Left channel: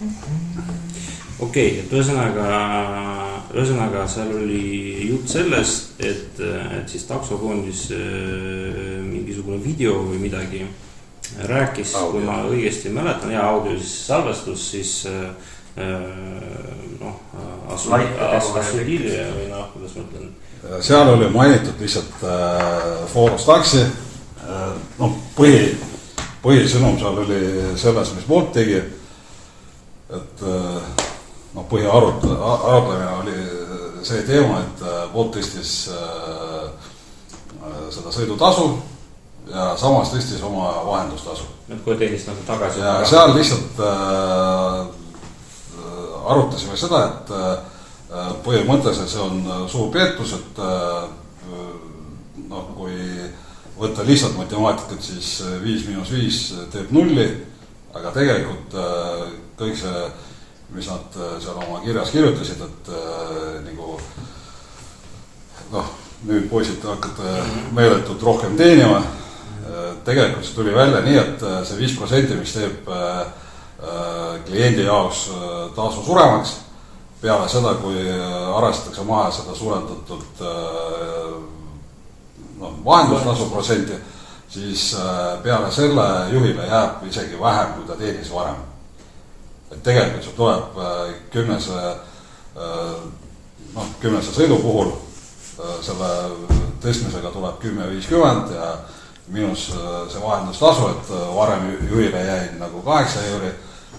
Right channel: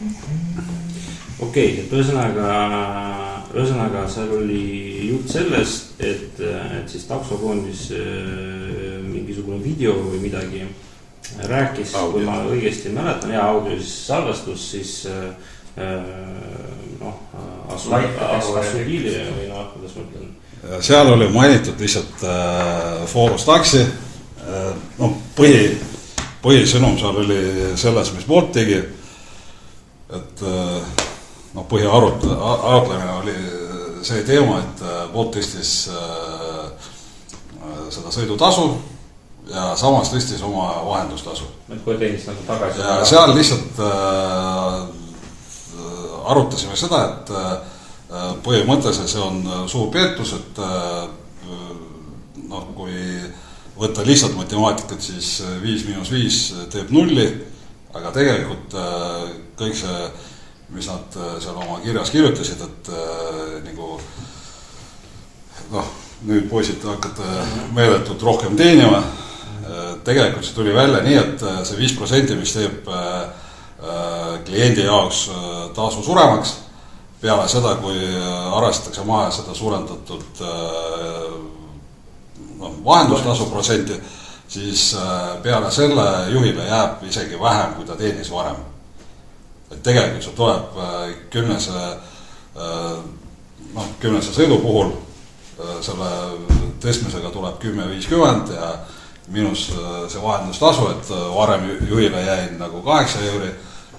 Okei, et ühesõnaga seal oli jutt sellest, et siis taksofondis mingisugune video või midagi rääkis, kui ma õigesti mäletan, audio siis salvestus, siis Assudilia või kuidas ma ütlen. Seal oli mainitud lihtsalt Forus taksi. Põhisõnum seal oli selles, mis Bolt tegi, et põhiarutlemine oli see teema, et Bolt tõstis seda sõidutasu ja samas tõstis oma vahendustasu. Kui teenist nagu tagasi. Ja seal lihtsalt arutasime seda, et põhimõtteliselt see on suur peetus, et kui võtta lihtsalt matemaatikat, siis 5 - 5 teeb 0, aga tegelikult kõik see, mis nad seal oma kirjas kirjutasid, et nüüd poisid hakkate meeletult rohkem teenima. Tegelikult see tuli välja nii, et see 5%, mis teeb kliendi jaoks tasu suuremaks, peale seda, kui arvestatakse maha seda suurendatud vahendustasu protsenti, siis peale selle juhile jääb isegi vähem, kui ta teenis varem. Et tegelikult see tuleb 10 sõidu puhul, selle tõstmisega tuleb 10,50 ja miinus see vahendustasu, et varem juhile jäi nagu 8 euri,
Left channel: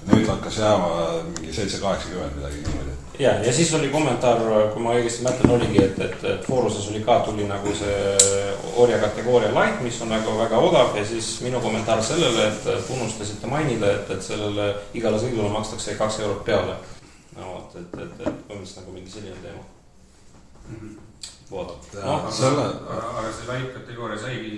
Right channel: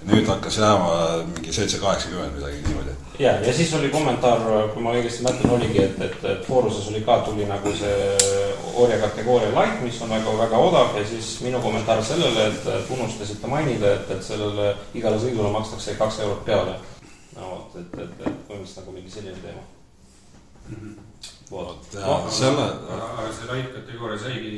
nüüd hakkas jääma mingi 7,80 midagi niimoodi. Ja siis oli kommentaar, kui ma õigesti mõtlen, oligi, et Foruses oli ka tuli nagu see orja kategooria light, mis on väga odav ja siis minu kommentaar sellele, et unustasite mainida, et sellele igale sõidule makstakse 2 eurot peale. Et põhimõtteliselt nagu mingi selline teema. Aga see light kategooria saigi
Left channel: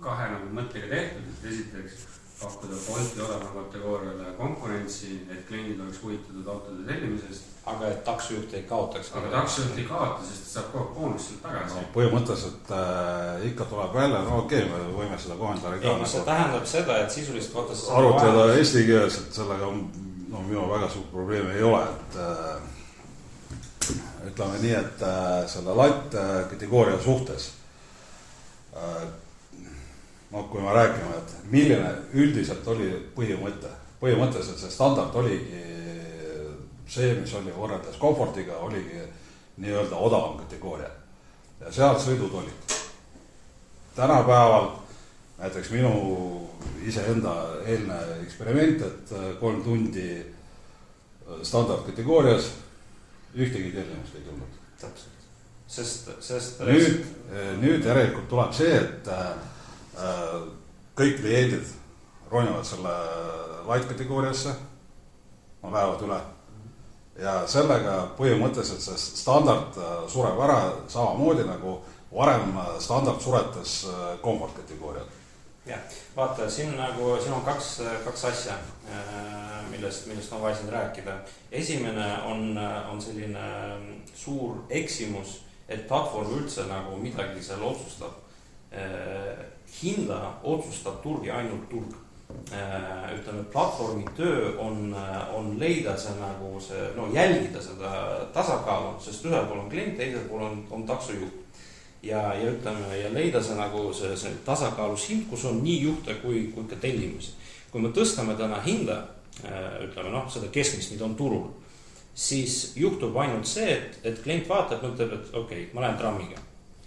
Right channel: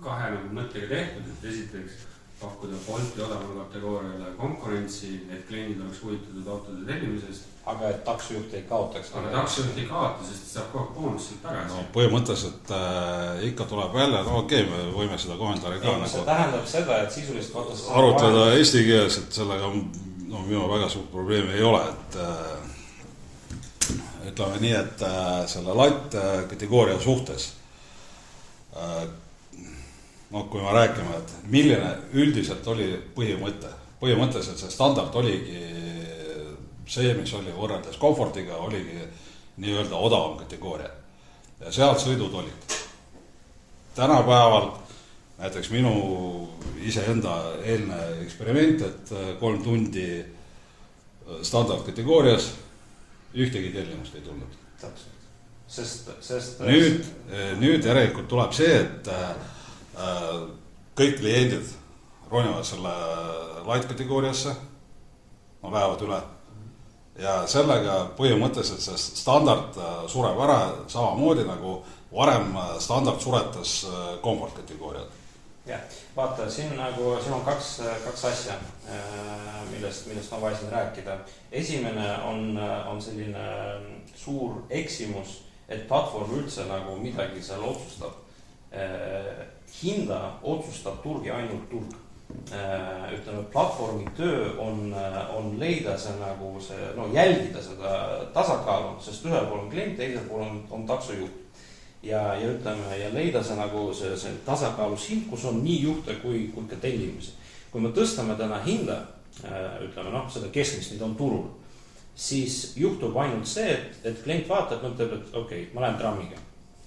kahe mõttega tehtud, et esiteks pakkuda Bolti odavama kategooriale konkurentsi, et kliendid oleks huvitatud autode tellimisest. Aga et taksojuht ei kaotaks. Aga taksojuht ei kaota, sest saab kogu boonust tagasi. Põhimõtteliselt ikka tuleb välja, me võime seda kommentaari ka. See tähendab seda, et sisuliselt arutleda eesti keeles, et sellega minu väga suurt probleemi ei ole, et ütleme nii, et selle light kategooria suhtes kui me räägime, et milline üldiselt oli põhimõtteliselt see standard oligi see, mis oli võrreldes komfortiga, oligi nii-öelda odavam kategooria. Ja seal sõidud olid. Tänapäeval, näiteks minu iseenda eelne eksperiment, et 3 tundi standardkategoorias ühtegi tellimust ei tulnud. Nüüd järelikult tuleb see, et kõik kliendid ronivad selle light kategooriasse, lähevad üle ja sellega põhimõtteliselt see standard sureb ära samamoodi nagu varem standard suretas komfort kategooriat. Ja, vaata, siin on kaks asja, millest on vaja siin rääkida. Esimene on selline suur eksimus, et platvorm üldse nagu midagi seal otsustab. Hinda otsustab turg ja ainult turg. Ütleme, platvormi töö on leida see nagu see, jälgida seda tasakaalu, sest ühel pool on klient, teisel pool on taksojuht. Ja ütleme, ja leida see nagu see tasakaalus hind, kus on nii juhte kui ka tellimus. Kui me tõstame täna hinda, ütleme, seda keskmist, mida on turul, siis juhtub ainult see, et klient vaatab, mõtleb, et okei, ma lähen trammiga.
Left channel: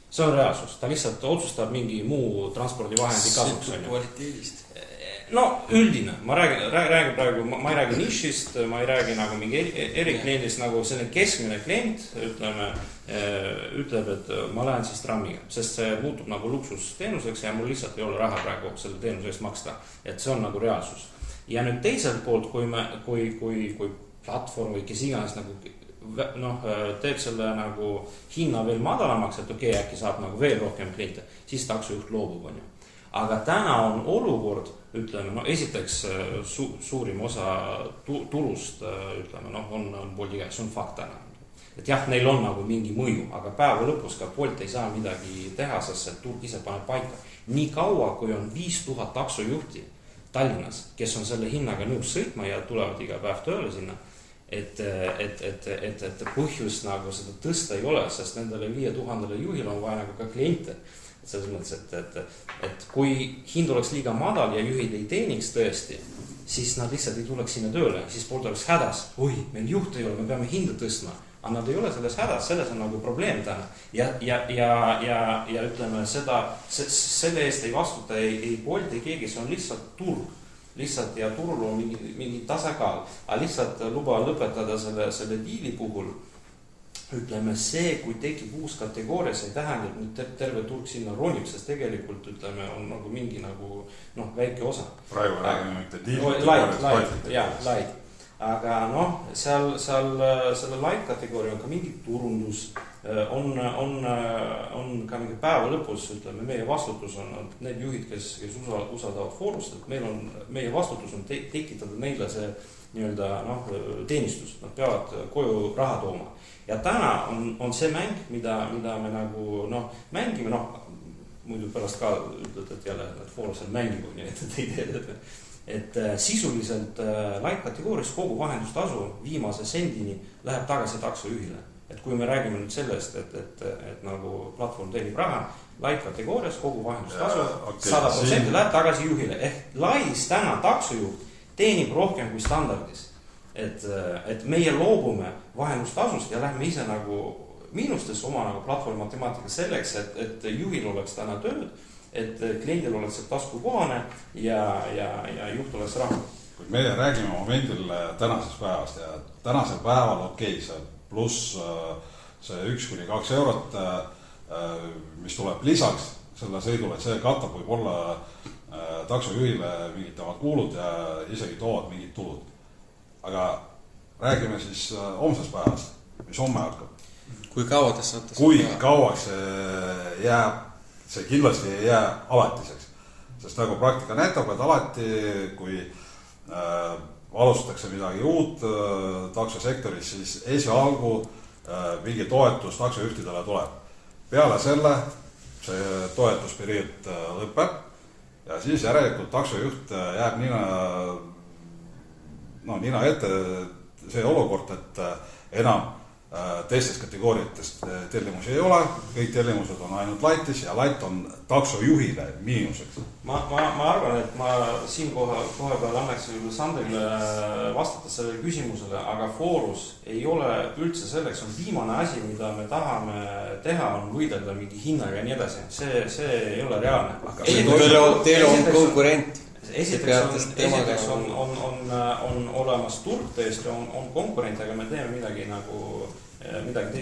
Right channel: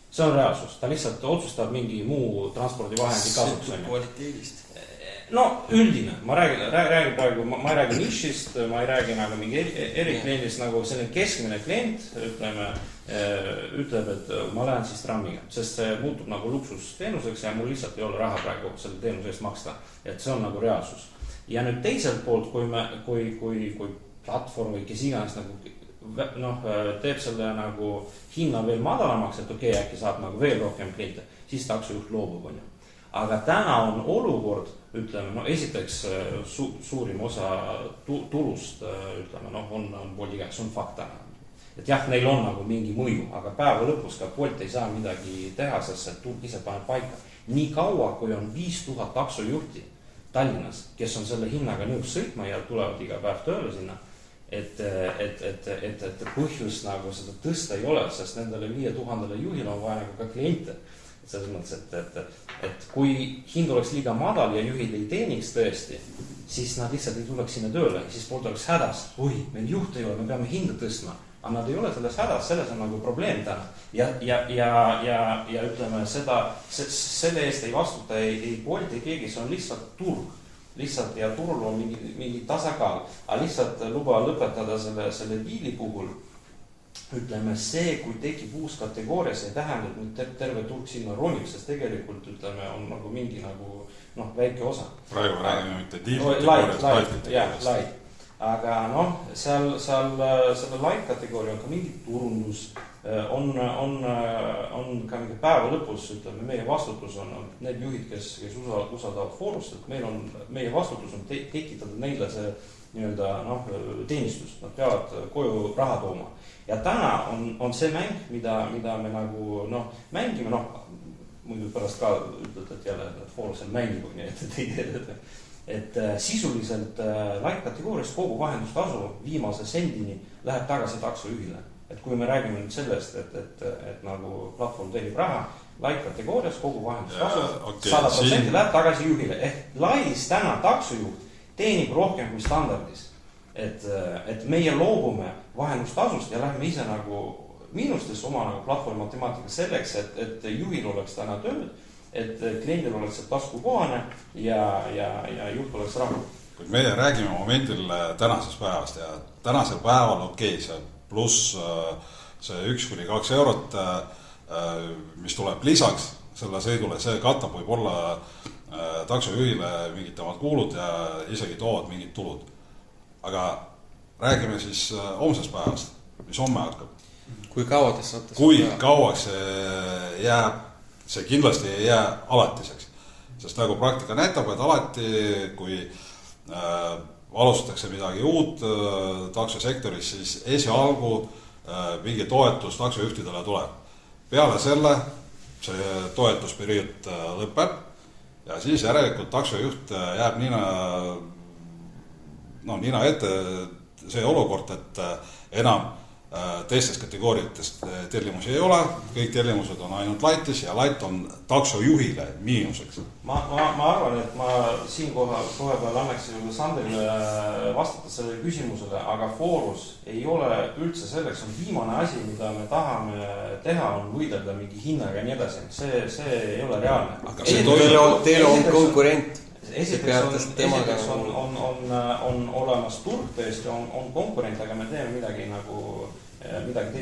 See on reaalsus, ta lihtsalt otsustab mingi muu transpordivahendi kasuks. Üldine, ma räägin praegu, ma ei räägi nišist, ma ei räägi nagu mingi erikliendist, nagu selline keskmine klient, ütleb, et ma lähen siis trammiga, sest see muutub nagu luksusteenuseks ja mul lihtsalt ei ole raha praegu selle teenuse eest maksta, et see on nagu reaalsus. Ja nüüd teiselt poolt, kui platvorm või kes iganes nagu teeb selle nagu hinna veel madalamaks, et okei, äkki saab nagu veel rohkem kliente, siis taksojuht loobub, on ju. Aga täna on olukord, ütleme, esiteks suurim osa turust, ütleme, on Bolti käes, see on fakt täna. Et jah, neil on nagu mingi mõju, aga päeva lõpus ka Bolt ei saa midagi teha, sest see turg ise paneb paika. Nii kaua, kui on 5000 taksojuhti, Tallinnas, kes on selle hinnaga nõus sõitma ja tulevad iga päev tööle sinna, et põhjust nagu seda tõsta ei ole, sest nendele 5000 juhile on vaja nagu ka kliente. Selles mõttes, et kui hind oleks liiga madal ja juhid ei teeniks tõesti, siis nad lihtsalt ei tuleks sinna tööle, siis poolt oleks hädas. Oi, meil juht ei ole, me peame hinda tõstma. Aga nad ei ole selles hädas, selles on nagu probleem täna. Ja ütleme, selle eest ei vastuta ei Bolt, ei keegi, see on lihtsalt turg. Lihtsalt ja turul on mingi tasakaal. Aga lihtsalt luba lõpetada selle diili puhul. Ütleme, see, kui tekib uus kategooria, see ei tähenda, et nüüd terve turg sinna ronib, sest tegelikult, ütleme, on nagu mingi nagu, väike osa. Praegu räägime mitte diil. Light. Aga seal selle light kategooria on ka mingi turundus, on ka mingi päeva lõpus, ütleme, meie vastutus on need juhid, kes usaldavad Foorust, et meie vastutus on tekitada neile see teenistus, nad peavad koju raha tooma. Ja täna on see mäng, mida me nagu mängime, muidu pärast ka ütlete, et jälle Foorusel mängib, nii et sisuliselt light kategoorias kogu vahendustasu viimase sendini läheb tagasi taksojuhile. Et kui me räägime nüüd sellest, et nagu platvorm teenib raha, light kategoorias kogu vahendustasu 100% läheb tagasi juhile. Ehk lailis täna taksojuht teenib rohkem kui standardis. Et meie loobume vahendustasust ja lähme ise nagu miinustes oma nagu platvorm matemaatika selleks, et juhil oleks täna tööd, et kliendil oleks taskukohane ja juht oleks rahul. Meie räägime momendil tänasest päevast ja tänasel päeval see pluss see 1-2 eurot, mis tuleb lisaks selle sõidule, see katab võib-olla taksojuhile mingid temad kuulud ja isegi toovad mingid tulud. Aga räägime siis homsest päevast, mis homme hakkab. Kui kauaks saate? Kui kauaks see jääb, see kindlasti ei jää alatiseks. Sest nagu praktika näitab, et alati, kui alustatakse midagi uut taksosektoris, siis esialgu mingi toetus taksojuhtidele tuleb. Peale selle see toetusperiood lõpeb ja siis järelikult taksojuht jääb nina ette see olukord, et enam teistest kategooriatest tellimusi ei ole, kõik tellimused on ainult lightis ja light on taksojuhile miinuseks. Ma arvan, et ma siin kohe peal annaks Sandrile vastata sellele küsimusele, aga Foorus ei ole üldse selleks, on viimane asi, mida me tahame teha, on võidelda mingi hinnaga ja nii edasi. See ei ole reaalne. Teil on konkurent. Esiteks on olemas turg tõesti, on konkurent, aga me teeme midagi,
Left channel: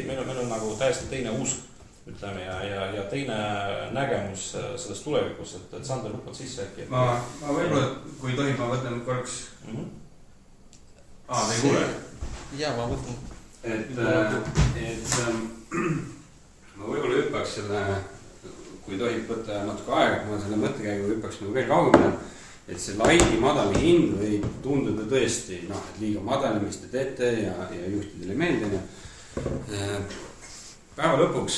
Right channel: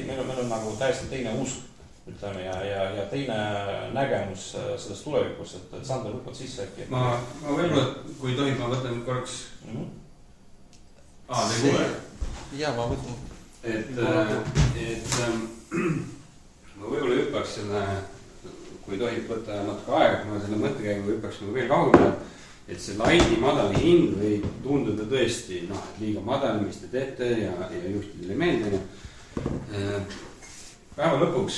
meil on nagu täiesti teine usk, ütleme, ja teine nägemus sellest tulevikus, et Sander lükkad sisse äkki. Ma võib-olla, kui tohib, ma võtan korraks. Te ei kuule? Jaa, ma võtan. Et ma võib-olla hüppaks selle, kui tohib võtta natuke aega, kui ma selle mõttekäigu hüppaks nagu veel kaugemale. Et see laidi madal hind võib tunduda tõesti, et liiga madal, mis te teete ja juhtidele meeldine. Päeva lõpuks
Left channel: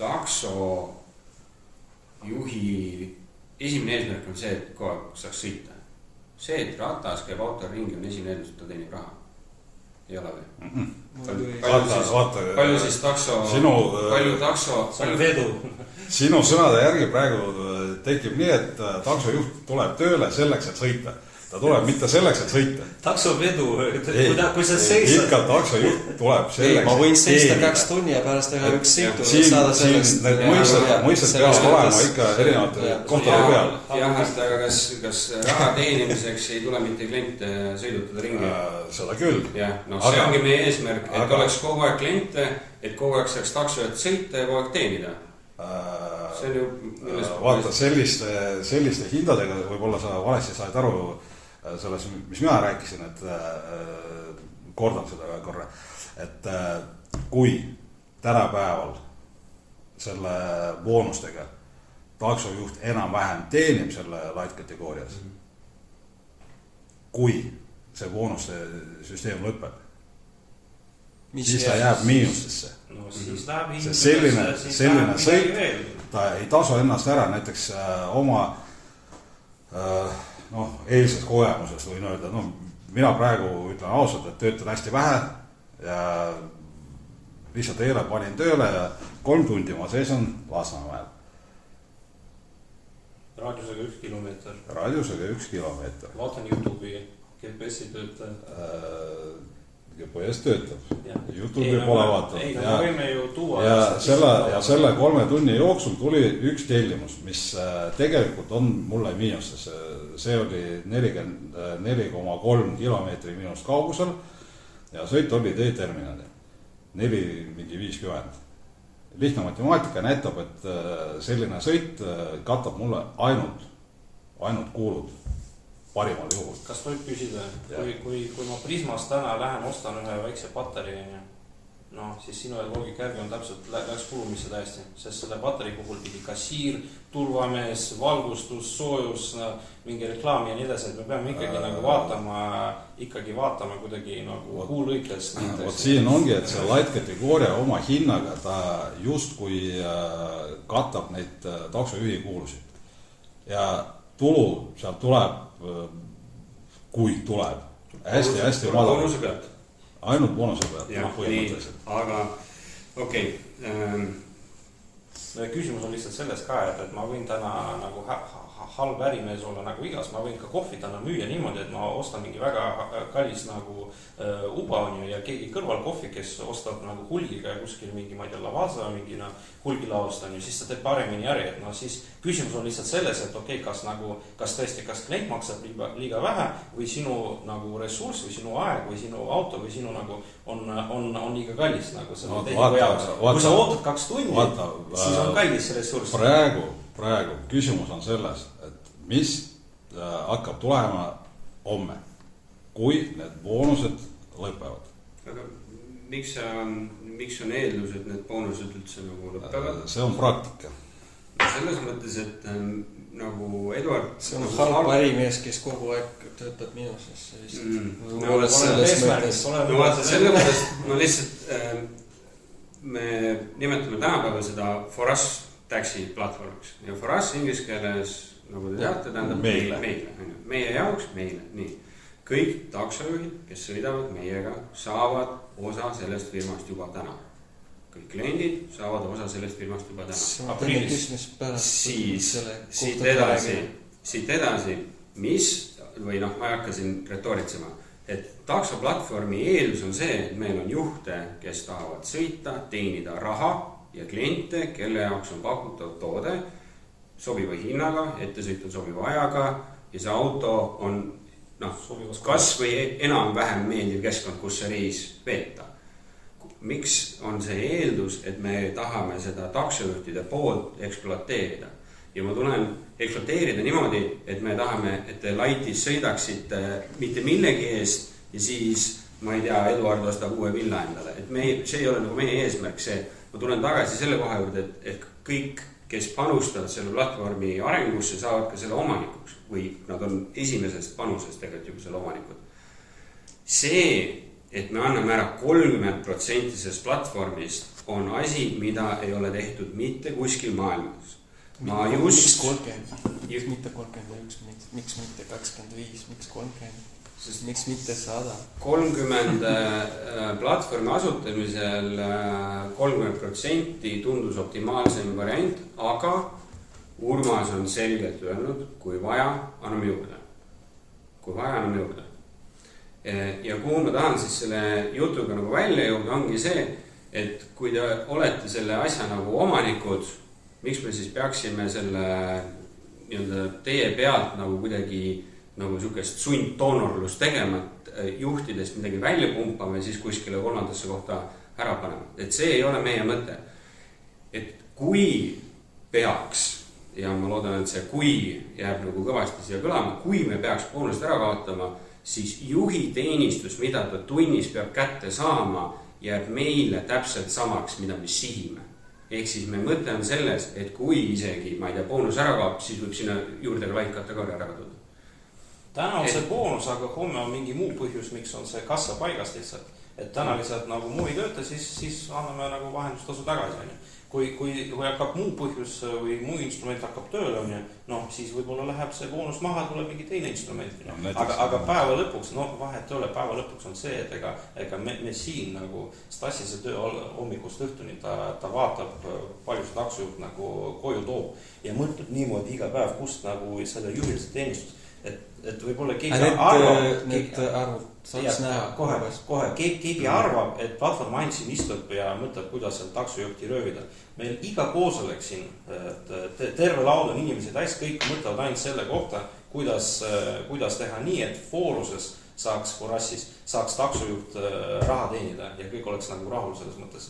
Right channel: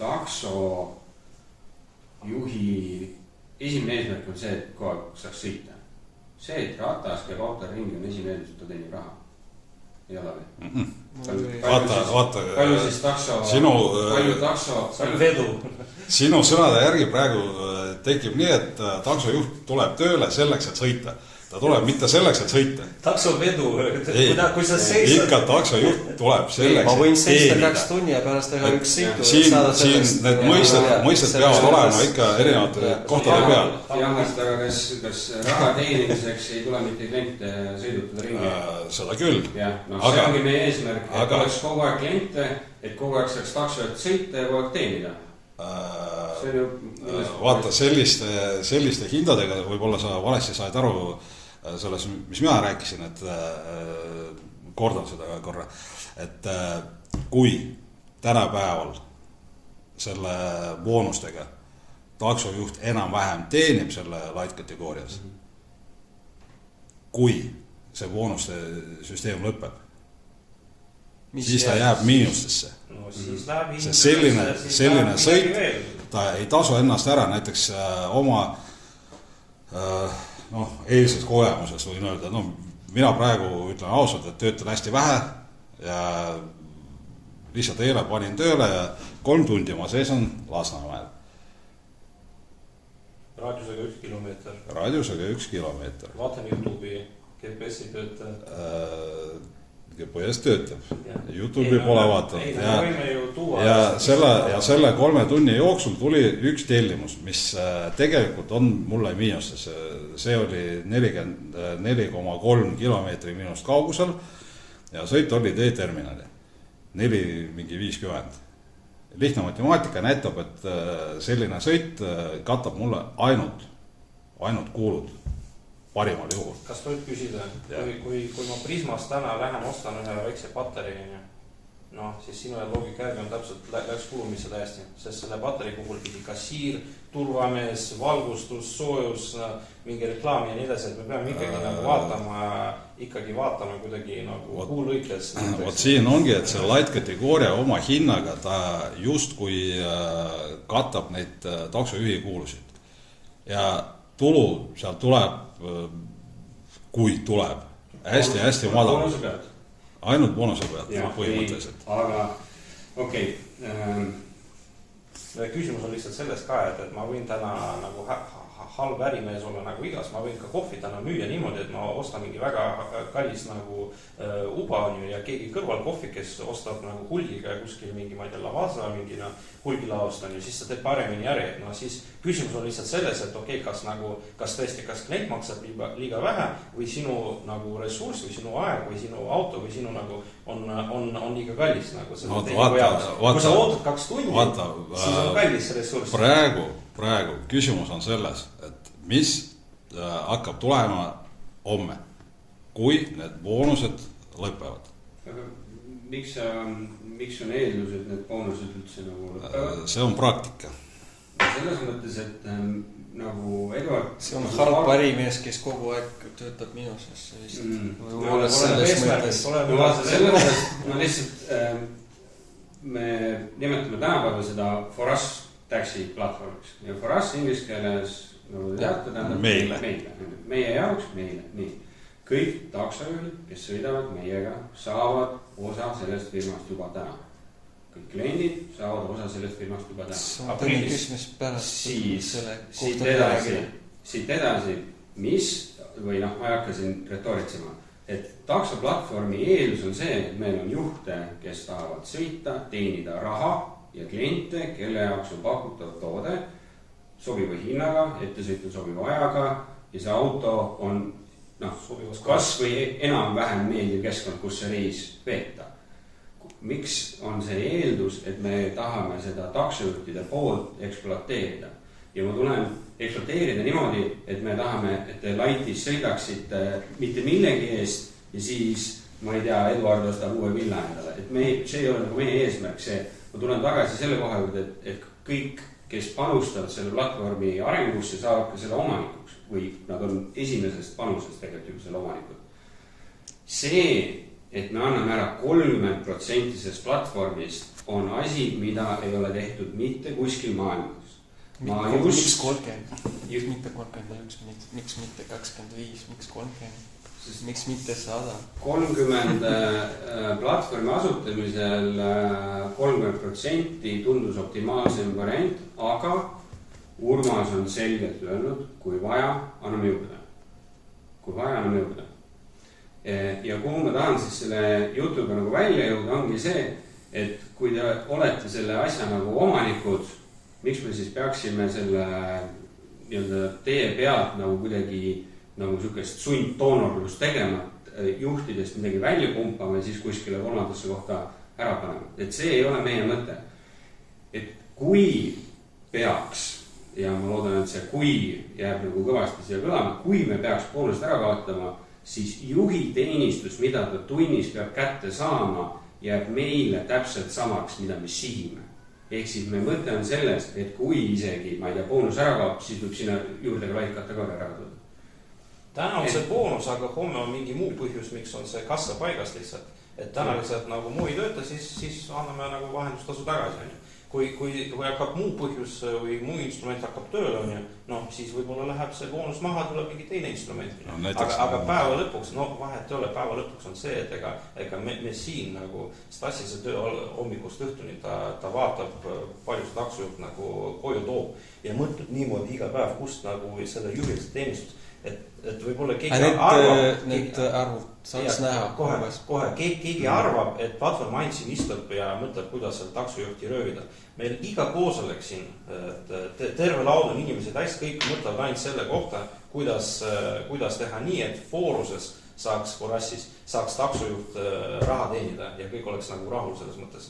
takso juhi esimene eesmärk on see, et kogu aeg saaks sõita. See, et ratas käib auto ringi, on esimene eesmärk, et ta teenib raha. Ei ole või? Palju siis takso... Palju vedu. Sinu sõnade järgi praegu tekib nii, et taksojuht tuleb tööle selleks, et sõita. Ta tuleb mitte selleks, et sõita. Taksovedu, kui sa seisad... Ikka taksojuht tuleb selleks, ma võin seista 2 tunni ja pärast teha üks sõitu. Siin need mõisted peavad olema ikka erinevate kohtade peal. Jah, aga kas raha teenimiseks ei tule mitte kliente sõidutada ringi? Seda küll. Jah, see ongi meie eesmärk, et oleks kogu aeg kliente, et kogu aeg saaks taksojad sõita ja kogu aeg teenida. Vaata, selliste hindadega võib-olla sa valesti saad aru selles, mis mina rääkisin, et kordan seda korra, et kui tänapäeval selle boonustega taksojuht enam-vähem teenib selle light kategoorias, kui see boonuste süsteem lõpeb, siis ta jääb miinustesse. Selline sõit, ta ei tasu ennast ära, näiteks oma eilses kogemuses võin öelda, mina praegu ütlen ausalt, et töötan hästi vähe ja lihtsalt eile panin tööle ja 3 tundi ma seisan Lasnamäel. raadiusega 1 kilomeeter. Raadiusega 1 kilomeeter. Vaatan YouTube'i, GPS-i töötab. GPS töötab. YouTube'i pole vaatanud. Ei, me võime ju tuua. Ja selle 3 tunni jooksul tuli üks tellimus, mis tegelikult on mulle miinuses. See oli 44,3 kilomeetri miinust kaugusel ja sõit oli teeterminali. 4,50. Lihtne matemaatika näitab, et selline sõit katab mulle ainult kuulud parimal juhul. Kas võib küsida, kui ma Prismas täna lähen, ostan ühe väikse patareini, siis sinu loogika järgi on täpselt läks kulumisse täiesti, sest selle patarii puhul pidi kasiir, turvamees, valgustus, soojus, mingi reklaam ja nii edasi, et me peame ikkagi vaatama kuidagi nagu kuulõikes. Siin ongi, et see light kategooria oma hinnaga ta justkui katab neid taksojuhi kuulusid. Ja tulu seal tuleb, kui tuleb, hästi madal. Boonuse pealt. Ainult boonuse pealt. Aga okei. Küsimus on lihtsalt sellest ka, et ma võin täna nagu halb ärimees olla nagu igas, ma võin ka kohvi täna müüa niimoodi, et ma ostan mingi väga kallis nagu uba ja keegi kõrval kohvi, kes ostab nagu hulgiga ja kuskil mingi, ma ei tea, Lavazza mingi hulgilaost on ju, siis ta teeb paremini äri, et siis küsimus on lihtsalt selles, et okei, kas klient maksab liiga vähe või sinu nagu ressurss või sinu aeg või sinu auto või sinu nagu on liiga kallis nagu selle tehingu jaoks. Kui sa ootad 2 tundi, siis on kallis ressurss. Praegu küsimus on selles, et mis hakkab tulema homme, kui need boonused lõpevad. Aga miks on eeldus, et need boonused üldse nagu lõpevad? See on praktika. Selles mõttes, et nagu Eduard... See on halb ärimees, kes kogu aeg töötab miinuses. Me nimetame tänapäeval seda Foras taxi platvormiks ja Foras inglise keeles, nagu te teate, tähendab meie jaoks, nii. Kõik taksojuhid, kes sõidavad meiega, saavad osa sellest firmast juba täna. Kõik kliendid saavad osa sellest firmast juba täna. Siit edasi, või ma ei hakka siin retoritsema, et taksoplatvormi eeldus on see, et meil on juhte, kes tahavad sõita, teenida raha ja kliente, kelle jaoks on pakutav toode sobiva hinnaga, ettesõit on sobiva ajaga ja see auto on kas või enam-vähem meeldiv keskkond, kus see reis veeta. Miks on see eeldus, et me tahame seda taksojuhtide poolt ekspluateerida? Ja ma tulen ekspluateerida niimoodi, et me tahame, et te laitis sõidaksite mitte millegi eest ja siis, ma ei tea, Eduard ostab uue villa endale. Et see ei ole nagu meie eesmärk, ma tulen tagasi selle koha juurde, et kõik, kes panustavad selle platvormi arengusse, saavad ka selle omanikuks või nad on esimesest panusest tegelikult juba selle omanikud. See, et me anname ära 30% sellest platvormist, on asi, mida ei ole tehtud mitte kuskil maailmas. Miks 30? Mitte 31, miks mitte 25, miks 30? Miks mitte 100? 30 platvormi asutamisel 30% tundus optimaalsem variant, aga Urmas on selgelt öelnud, kui vaja, anname juurde. Ja kuhu ma tahan siis selle jutuga nagu välja jõuda, ongi see, et kui te olete selle asja nagu omanikud, miks me siis peaksime selle teie pealt nagu kuidagi nagu sükest sundtoonorlust tegema, juhtidest midagi välja pumpama ja siis kuskile kolmandasse kohta ära panema. Et see ei ole meie mõte. Et kui peaks, ja ma loodan, et see kui jääb nagu kõvasti siia kõlama, kui me peaks boonust ära kaotama, siis juhi teenistus, mida ta tunnis peab kätte saama, jääb meile täpselt samaks, mida me sihime. Ehk siis me mõte on selles, et kui isegi, ma ei tea, boonus ära kaob, siis võib sinna juurde ka light kategooria ära tulla. Täna on see boonus, aga homme on mingi muu põhjus, miks on see kassa paigast lihtsalt. Et täna lihtsalt nagu muu ei tööta, siis anname nagu vahendustasu tagasi. kui hakkab muu põhjus või muu instrument hakkab tööle, on ju, noh, siis võib-olla läheb see boonus maha, tuleb mingi teine instrument. Aga päeva lõpuks, vahet ei ole, päeva lõpuks on see, et ega me siin nagu Stassise töö hommikust õhtuni, ta vaatab palju see taksojuht nagu koju toob ja mõtleb niimoodi iga päev, kust nagu selle juhilise teenistus, et võib-olla keegi arvab... Need arvud saaks näha. Kohe, keegi arvab, et platvorm ainult siin istub ja mõtleb, kuidas seal taksojuhti röövida. Meil iga koosolek siin, terve laud on inimesi täis, kõik mõtlevad ainult selle kohta, kuidas teha nii, et fooruses saaks taksojuht raha teenida ja kõik oleks nagu rahul selles mõttes.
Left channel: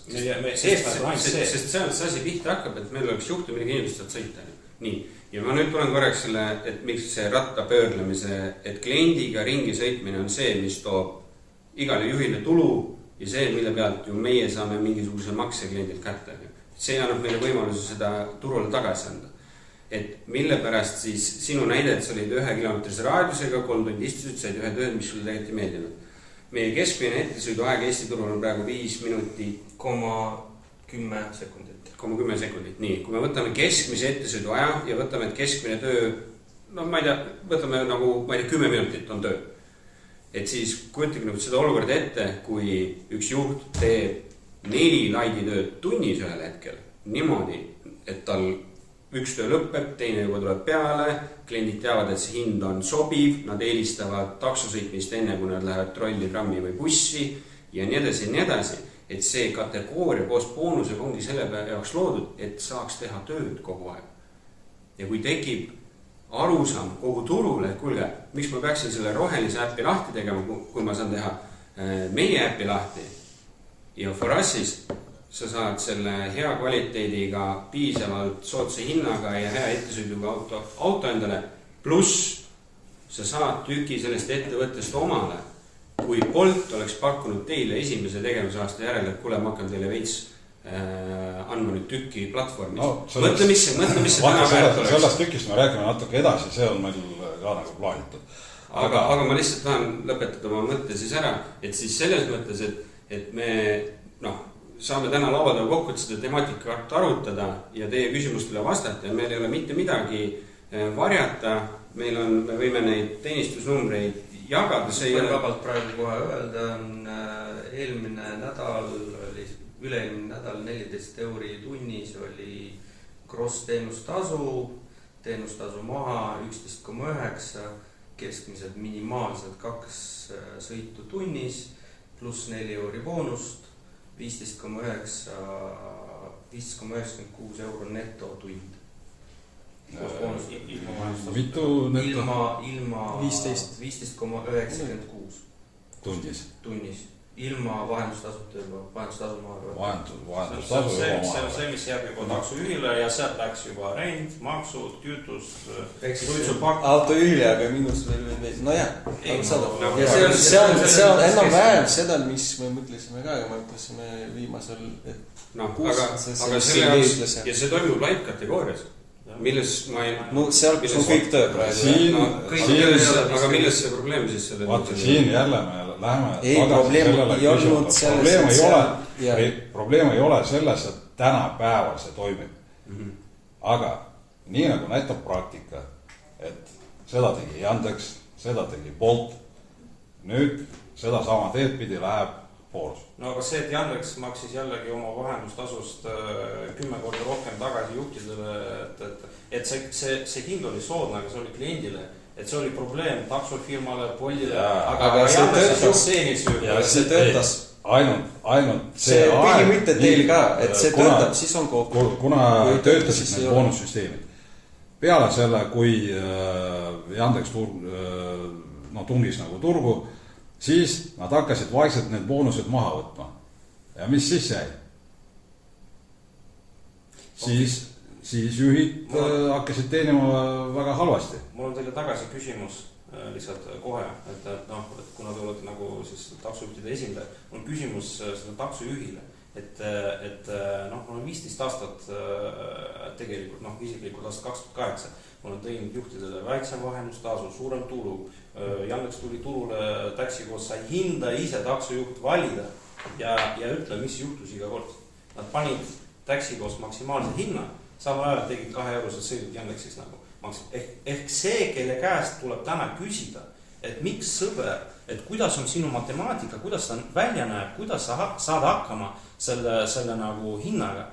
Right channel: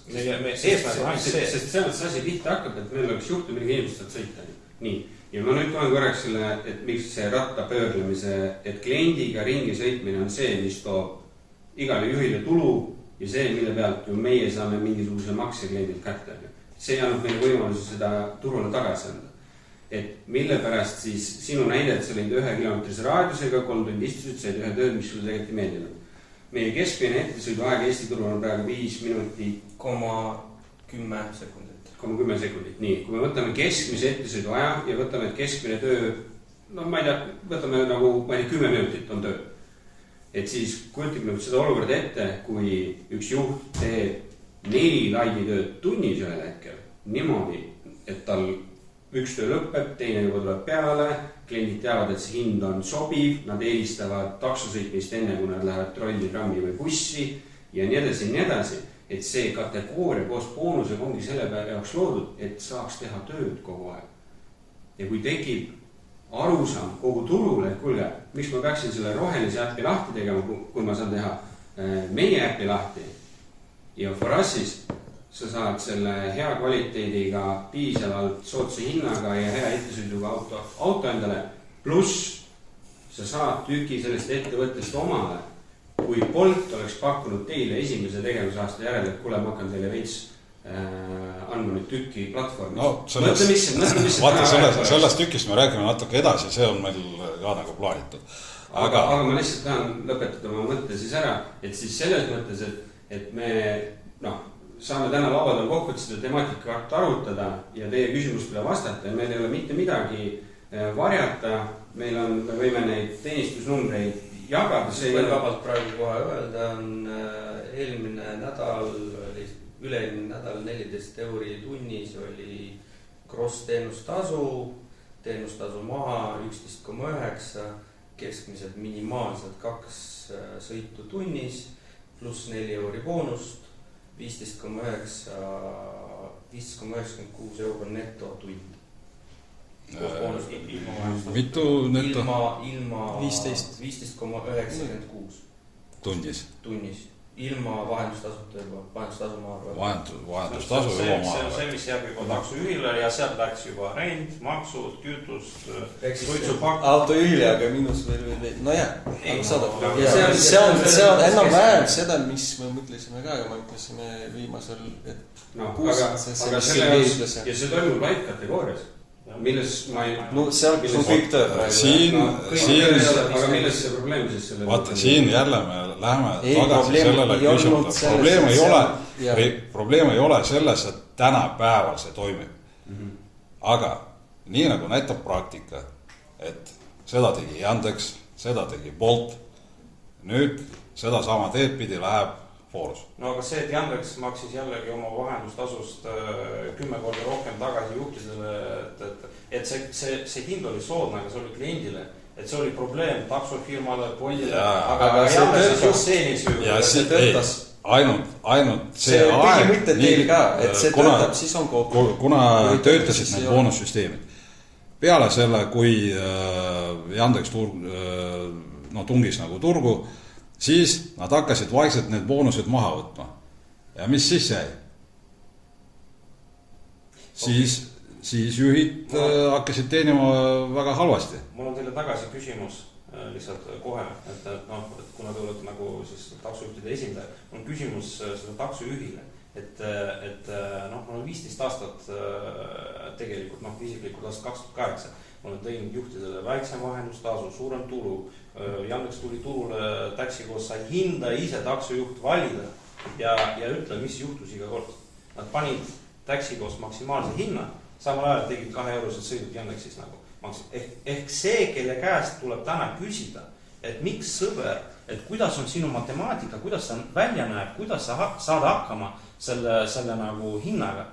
Sest sellest asi pihta hakkab, et meil oleks juhtu, millega inimesed saad sõita. Nii. Ja ma nüüd tulen korraks selle, et miks see rattapöörlemise, et kliendiga ringi sõitmine on see, mis toob igale juhile tulu ja see, mille pealt ju meie saame mingisuguse makse kliendilt kätte. See annab meile võimaluse seda turule tagasi anda. Et mille pärast siis sinu näide, et sa olid 1 kilomeetrise raadiusega, 3 tundi istusid, said ühe tööd, mis sulle tegelikult ei meeldinud. Meie keskmine ettesõiduaeg Eesti turul on praegu 5 minutit 10 sekundit. 10 sekundit, nii. Kui me võtame keskmise ettesõiduaja ja võtame, et keskmine töö, ma ei tea, võtame nagu, 10 minutit on töö. Et siis kujutage nagu seda olukorda ette, kui üks juht teeb 4 laiditööd tunnis ühel hetkel niimoodi, et tal üks töö lõpeb, teine juba tuleb peale, kliendid teavad, et see hind on sobiv, nad eelistavad taksosõitmist enne, kui nad lähevad trolli, trammi või bussi ja nii edasi. Et see kategooria koos boonusega ongi selle peale jaoks loodud, et saaks teha tööd kogu aeg. Ja kui tekib arusaam kogu turule, et kuulge, miks ma peaksin selle rohelise äppi lahti tegema, kui ma saan teha meie äppi lahti. Ja Forassis sa saad selle hea kvaliteediga, piisavalt sootsa hinnaga ja hea ettesõiduga auto endale, pluss sa saad tüki sellest ettevõttest omale. Kui Bolt oleks pakkunud teile esimese tegevusaasta järele, et kuule, ma hakkan teile veits andma nüüd tükki platvormis. Mõtle, mis see sellest tükist me räägime natuke edasi, see on meil ka nagu plaanitud. Aga ma lihtsalt tahan lõpetada oma mõtte siis ära, et siis selles mõttes, et me saame täna lauadel kokku, et seda temaatikat arutada ja teie küsimustele vastata ja meil ei ole mitte midagi varjata, me võime neid teenistusnumbreid jagada. Võin vabalt praegu kohe öelda, on üle-eelmine nädal 14 € tunnis oli gross teenustasu maha 11,9, keskmiselt minimaalselt 2 sõitu tunnis, pluss 4 € boonust, 15,96 € neto tund. Mitu neto? Ilma 15,96 tunnis. Ilma vahendustasuta juba, vahendustasu ma arvan. Vahendustasu see on see, mis jääb juba taksojuhile ja sealt läks juba rent, maksud, kütust, suitsupakk. Autojuhile, aga miinus veel, nojah, see on enam-vähem seda, mis me mõtlesime ka, aga me mõtlesime viimasel, et aga selle ja see toimub light kategoorias. Milles ma ei... seal, kus on kõik töö praegu. Aga milles see probleem siis selle... Vaata, siin jälle me läheme... Ei, probleem ei olnud selles, Probleem ei ole selles, et tänapäeval see toimib. Aga nii nagu näitab praktika, et seda tegi Yandex, seda tegi Bolt, nüüd seda sama teed pidi läheb Forus. No aga see, et Yandex maksis jällegi oma vahendustasust 10 korda rohkem tagasi juhtidele, et see hind oli soodne, aga see oli kliendile, et see oli probleem taksofirmale, Boltile, aga see töötas. Ainult see põhimõte teil ka, et see töötab, siis on kokku. Kuna töötasid need boonussüsteemid. Peale selle, kui Yandex tungis nagu turgu, siis nad hakkasid vaikselt need boonused maha võtma. Ja mis siis jäi? Siis juhid hakkasid teenima väga halvasti. Mul on teile tagasi küsimus lihtsalt kohe, et kuna te olete nagu taksojuhtide esindaja, mul on küsimus selle taksojuhile, et mul on 15 aastat tegelikult, isiklikult aastat 2008, mul on teinud juhtidele väiksem vahendustasu, suurem tulu, Yandex tuli turule taksi koos, sai hinda ise taksojuht valida ja ütle, mis juhtus iga kord. Nad panid taksi koos maksimaalse hinna, samal ajal tegid 2 eurosed sõidud Yandexis nagu ehk see, kelle käest tuleb täna küsida, et miks sõber, et kuidas on sinu matemaatika, kuidas ta välja näeb, kuidas sa saad hakkama selle nagu hinnaga,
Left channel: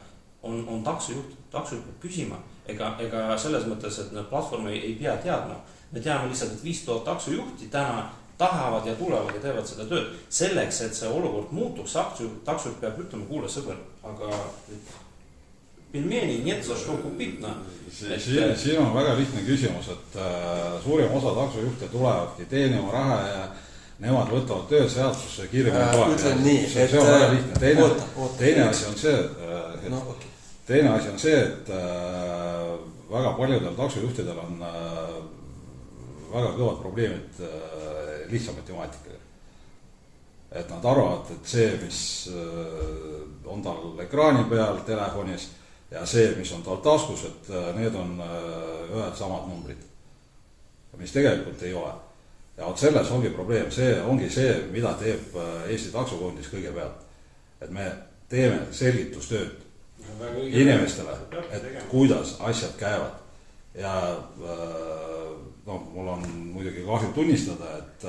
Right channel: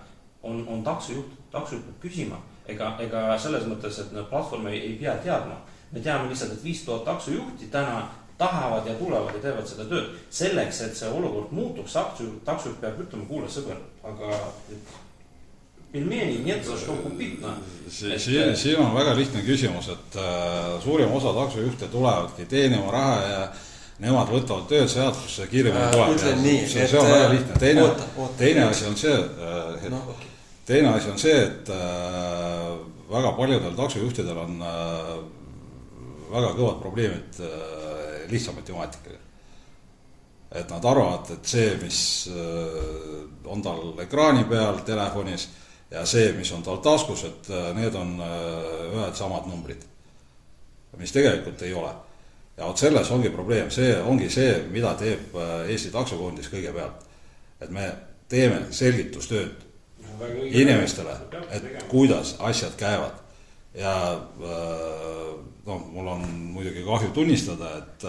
on taksojuht peab küsima. Ega selles mõttes, et need platvormi ei pea teadma. Me teame lihtsalt, et 5000 taksojuhti täna tahavad ja tulevad ja teevad seda tööd. Selleks, et see olukord muutuks, taksojuht peab ütlema, kuule sõber, aga pilmeni, нет за что купить, no. Siin on väga lihtne küsimus, et suurim osa taksojuhte tulevadki teenima raha ja nemad võtavad tööd seadusse kiiremini tulevad. Ütlen nii, see on väga lihtne. Teine asi on see, et väga paljudel taksojuhtidel on väga kõvad probleemid lihtsa matemaatikaga. Et nad arvavad, et see, mis on tal ekraani peal telefonis ja see, mis on tal taskus, et need on ühed samad numbrid, mis tegelikult ei ole. Ja selles ongi probleem, see ongi see, mida teeb Eesti taksokondis kõigepealt. Et me teeme selgitustööd inimestele, et kuidas asjad käivad. Ja mul on muidugi kahju tunnistada, et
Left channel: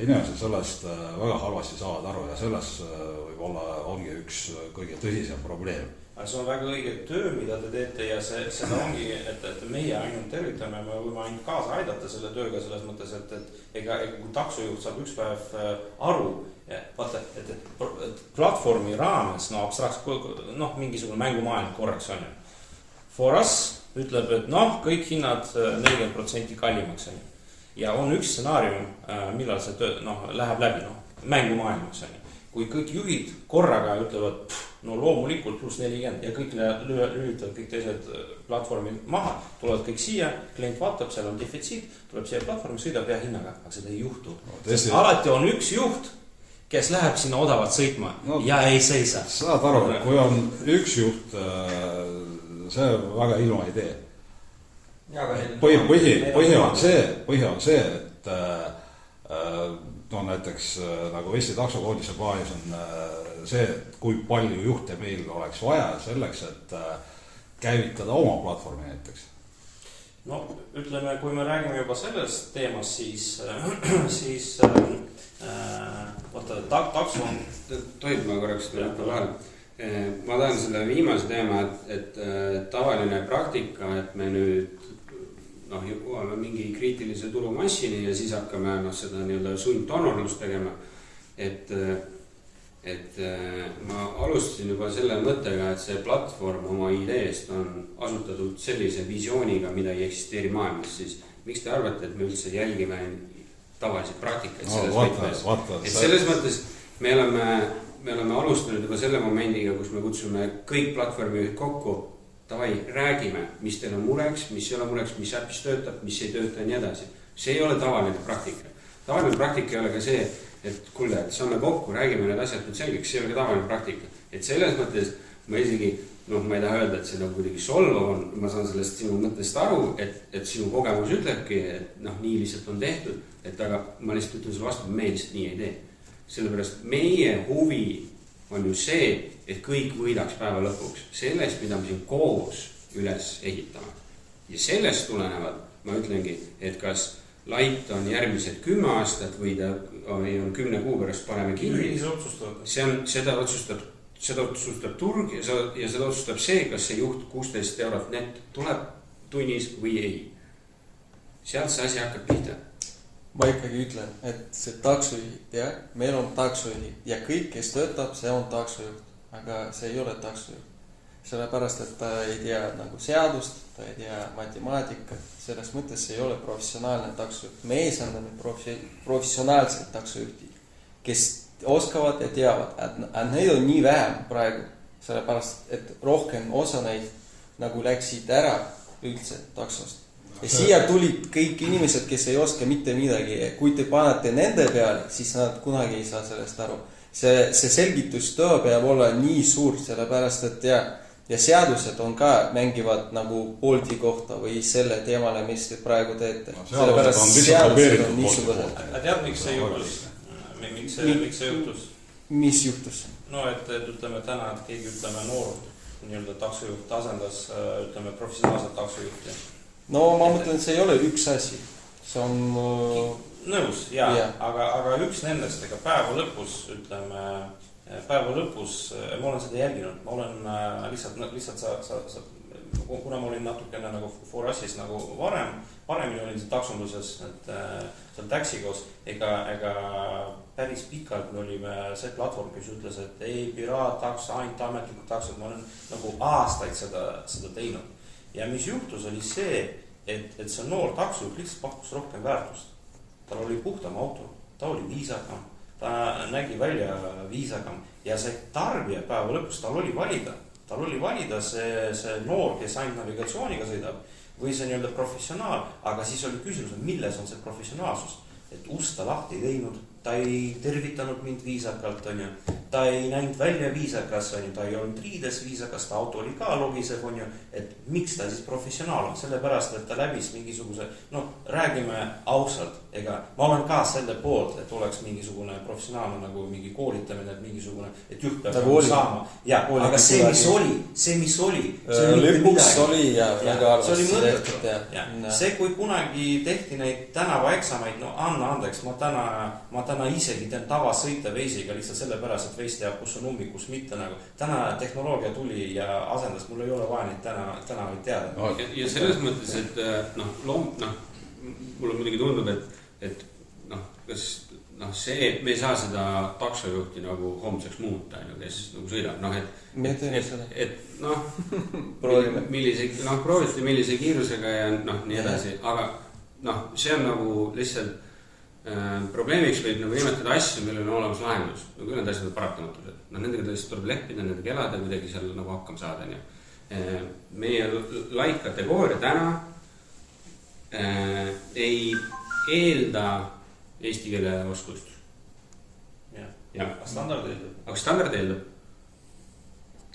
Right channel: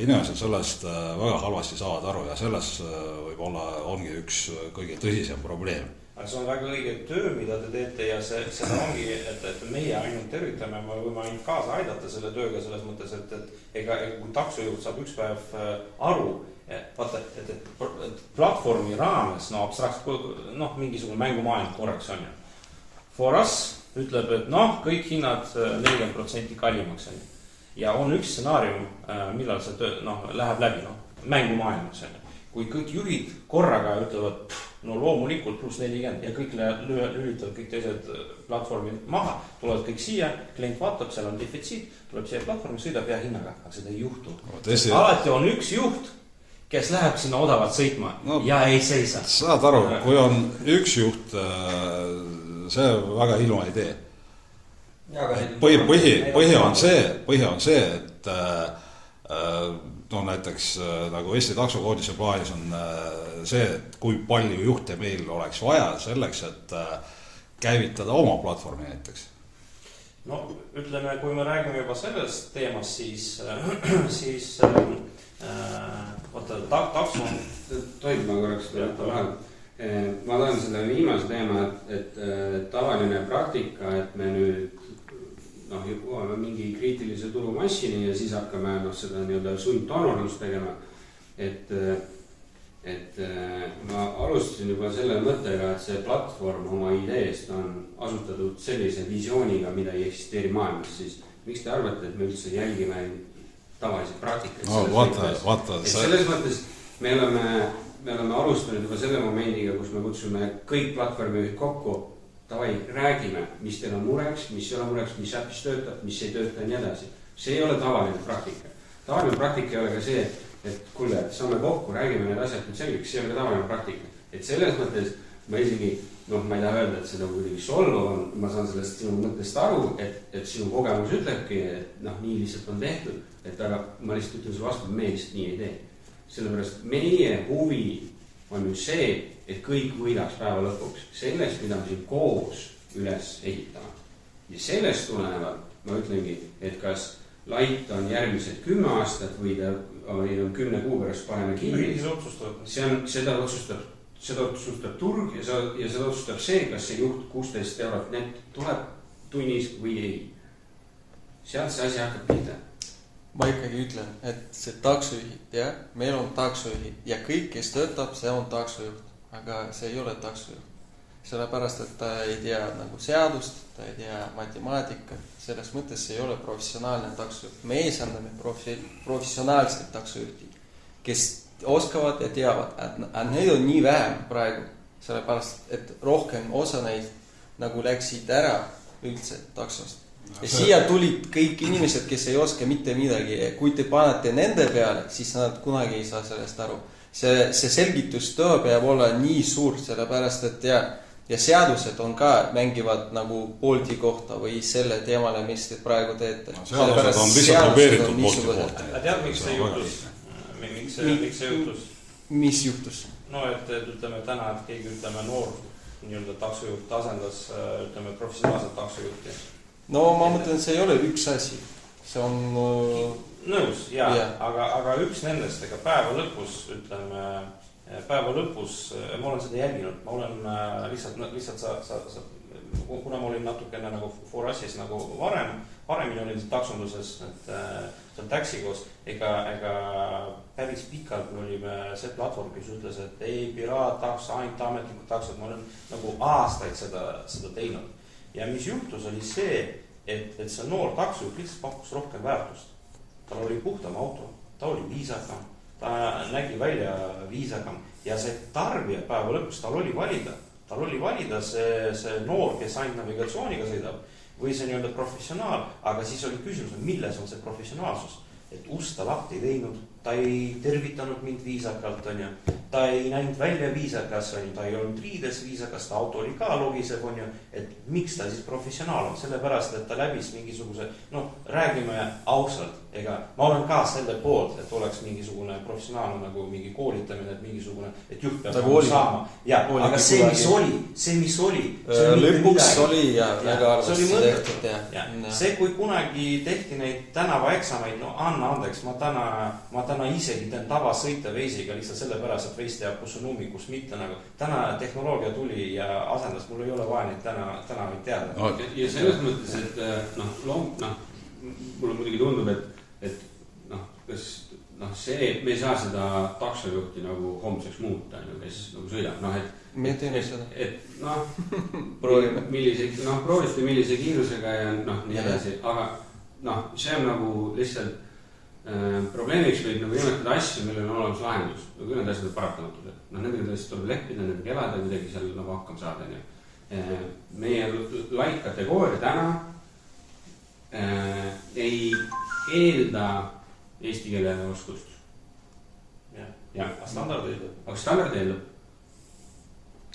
inimesed sellest väga halvasti saavad aru ja selles võib-olla ongi üks kõige tõsisem probleem. Aga see on väga õige töö, mida te teete ja seda ongi, et meie ainult tervitame, me võime ainult kaasa aidata selle tööga selles mõttes, et ega kui taksojuht saab üks päev aru, vaata, et platvormi raames, mingisugune mängumaailm korraks on ju. For us ütleb, et kõik hinnad 40% kallimaks on ju. Ja on üks stsenaarium, millal see töö läheb läbi, mängumaailmaks on ju. Kui kõik juhid korraga ütlevad, loomulikult pluss 40 ja kõik lülitavad kõik teised platvormid maha, tulevad kõik siia, klient vaatab, seal on defitsiit, tuleb siia platvormi, sõidab hea hinnaga, aga seda ei juhtu. Alati on üks juht, kes läheb sinna odavalt sõitma ja ei seisa. Saad aru, kui on üks juht, see väga ilma ei tee. Põhi on see, et näiteks nagu Eesti taksokoodise plaanis on see, et kui palju juhte meil oleks vaja selleks, et käivitada oma platvormi näiteks. Ütleme, kui me räägime juba sellest teemast, siis takso... Tohib ma korraks vahel. Ma tahan selle viimase teema, et tavaline praktika, et me nüüd jõuame mingi kriitilise turumassini ja siis hakkame seda nii-öelda sundtonorlust tegema. Et ma alustasin juba selle mõttega, et see platvorm oma ideest on asutatud sellise visiooniga, mida ei eksisteeri maailmas, siis miks te arvate, et me üldse jälgime tavaliselt praktikaid selles mõttes me oleme alustanud juba selle momendiga, kus me kutsume kõik platvormi kokku, davai, räägime, mis teil on mureks, mis ei ole mureks, mis äpis töötab, mis ei tööta ja nii edasi. See ei ole tavaline praktika. Tavaline praktika ei ole ka see, et kuule, et saame kokku, räägime need asjad nüüd selgeks, see ei ole tavaline praktika. Et selles mõttes ma isegi, ma ei taha öelda, et seda kuidagi solvav on, ma saan sellest sinu mõttest aru, et sinu kogemus ütlebki, et nii lihtsalt on tehtud, et aga ma lihtsalt ütlen sulle vastu, me lihtsalt nii ei tee. Sellepärast meie huvi on ju see, et kõik võidaks päeva lõpuks sellest, mida me siin koos üles ehitame. Ja sellest tulenevalt ma ütlengi, et kas lait on järgmised 10 aastat või ta on 10 kuu pärast paneme kinni. Seda otsustab turg ja seda otsustab see, kas see juht 16 eurot net tuleb tunnis või ei. Sealt see asi hakkab pihta. Ma ikkagi ütlen, et see taksojuhid, meil on taksojuhid ja kõik, kes töötab, see on taksojuht, aga see ei ole taksojuht. Sellepärast, et ta ei tea nagu seadust, ta ei tea matemaatikat, selles mõttes see ei ole professionaalne taksojuht. Me esindame professionaalseid taksojuhti, kes oskavad ja teavad, et neid on nii vähem praegu, sellepärast, et rohkem osa neid nagu läksid ära üldse taksost. Ja siia tulid kõik inimesed, kes ei oska mitte midagi. Kui te panete nende peale, siis nad kunagi ei saa sellest aru. See selgitustöö peab olla nii suur, sellepärast, et ja seadused on ka mängivad nagu Bolti kohta või selle teemale, mis te praegu teete. Sellepärast seadused on niisugused. Tead, miks see juhtus? Miks see juhtus? Mis juhtus? Et ütleme täna, et keegi ütleme noor nii-öelda taksojuht asendas, ütleme, professionaalset taksojuhti. no ma mõtlen, see ei ole üks asi. See on... Nõus, jaa. Aga üks nendest, ega päeva lõpus, ütleme, ma olen seda jälginud. Ma olen lihtsalt kuna ma olin natukene nagu Forassis nagu paremini olin see taksonduses, et seal taxikoos, ega päris pikalt me olime see platvorm, kes ütles, et ei piraat-taks, ainult ametlikud taksod, ma olen nagu aastaid seda teinud. Ja mis juhtus oli see, et see noor taksojuht lihtsalt pakkus rohkem väärtust. Tal oli puhtam auto, ta oli viisakam, ta nägi välja viisakam ja see tarbija päeva lõpus, tal oli valida see noor, kes ainult navigatsiooniga sõidab või see nii-öelda professionaal, aga siis oli küsimus, milles on see professionaalsus, et usta lahti ei teinud, ta ei tervitanud mind viisakalt, on ju, ta ei näinud välja viisakas, on ju, ta ei olnud riides viisakas, ta auto oli ka logisev, on ju, et miks ta siis professionaal on, sellepärast, et ta läbis mingisuguse, räägime ausalt, ega ma olen ka selle poolt, et oleks mingisugune professionaalne nagu mingi koolitamine, et mingisugune, et juht peab nagu saama. Ja, aga see, mis oli lõpuks oli ja väga arvasti tehtud. See, kui kunagi tehti neid tänavaeksameid, anna andeks, ma täna isegi teen tavasõita veisiga lihtsalt sellepärast, et veis teab, kus on ummikus mitte nagu. Täna tehnoloogia tuli ja asendas, mul ei ole vaja neid täna võid teada. Ja selles mõttes, et mulle muidugi tundub, et see, et me ei saa seda taksojuhti nagu homseks muuta, kes nagu sõidab, me teeme seda. Proovime. Proovite millise kiirusega ja nii edasi, aga see on nagu lihtsalt probleemiks võib nagu nimetada asju, millel on olemas lahendus. Küll need asjad on paratamatud. Nendega tõesti tuleb leppida, nendega elada ja kuidagi seal nagu hakkama saada. Meie light kategooria täna ei eelda eesti keele oskust. Aga standard eeldab. Aga standard eeldab.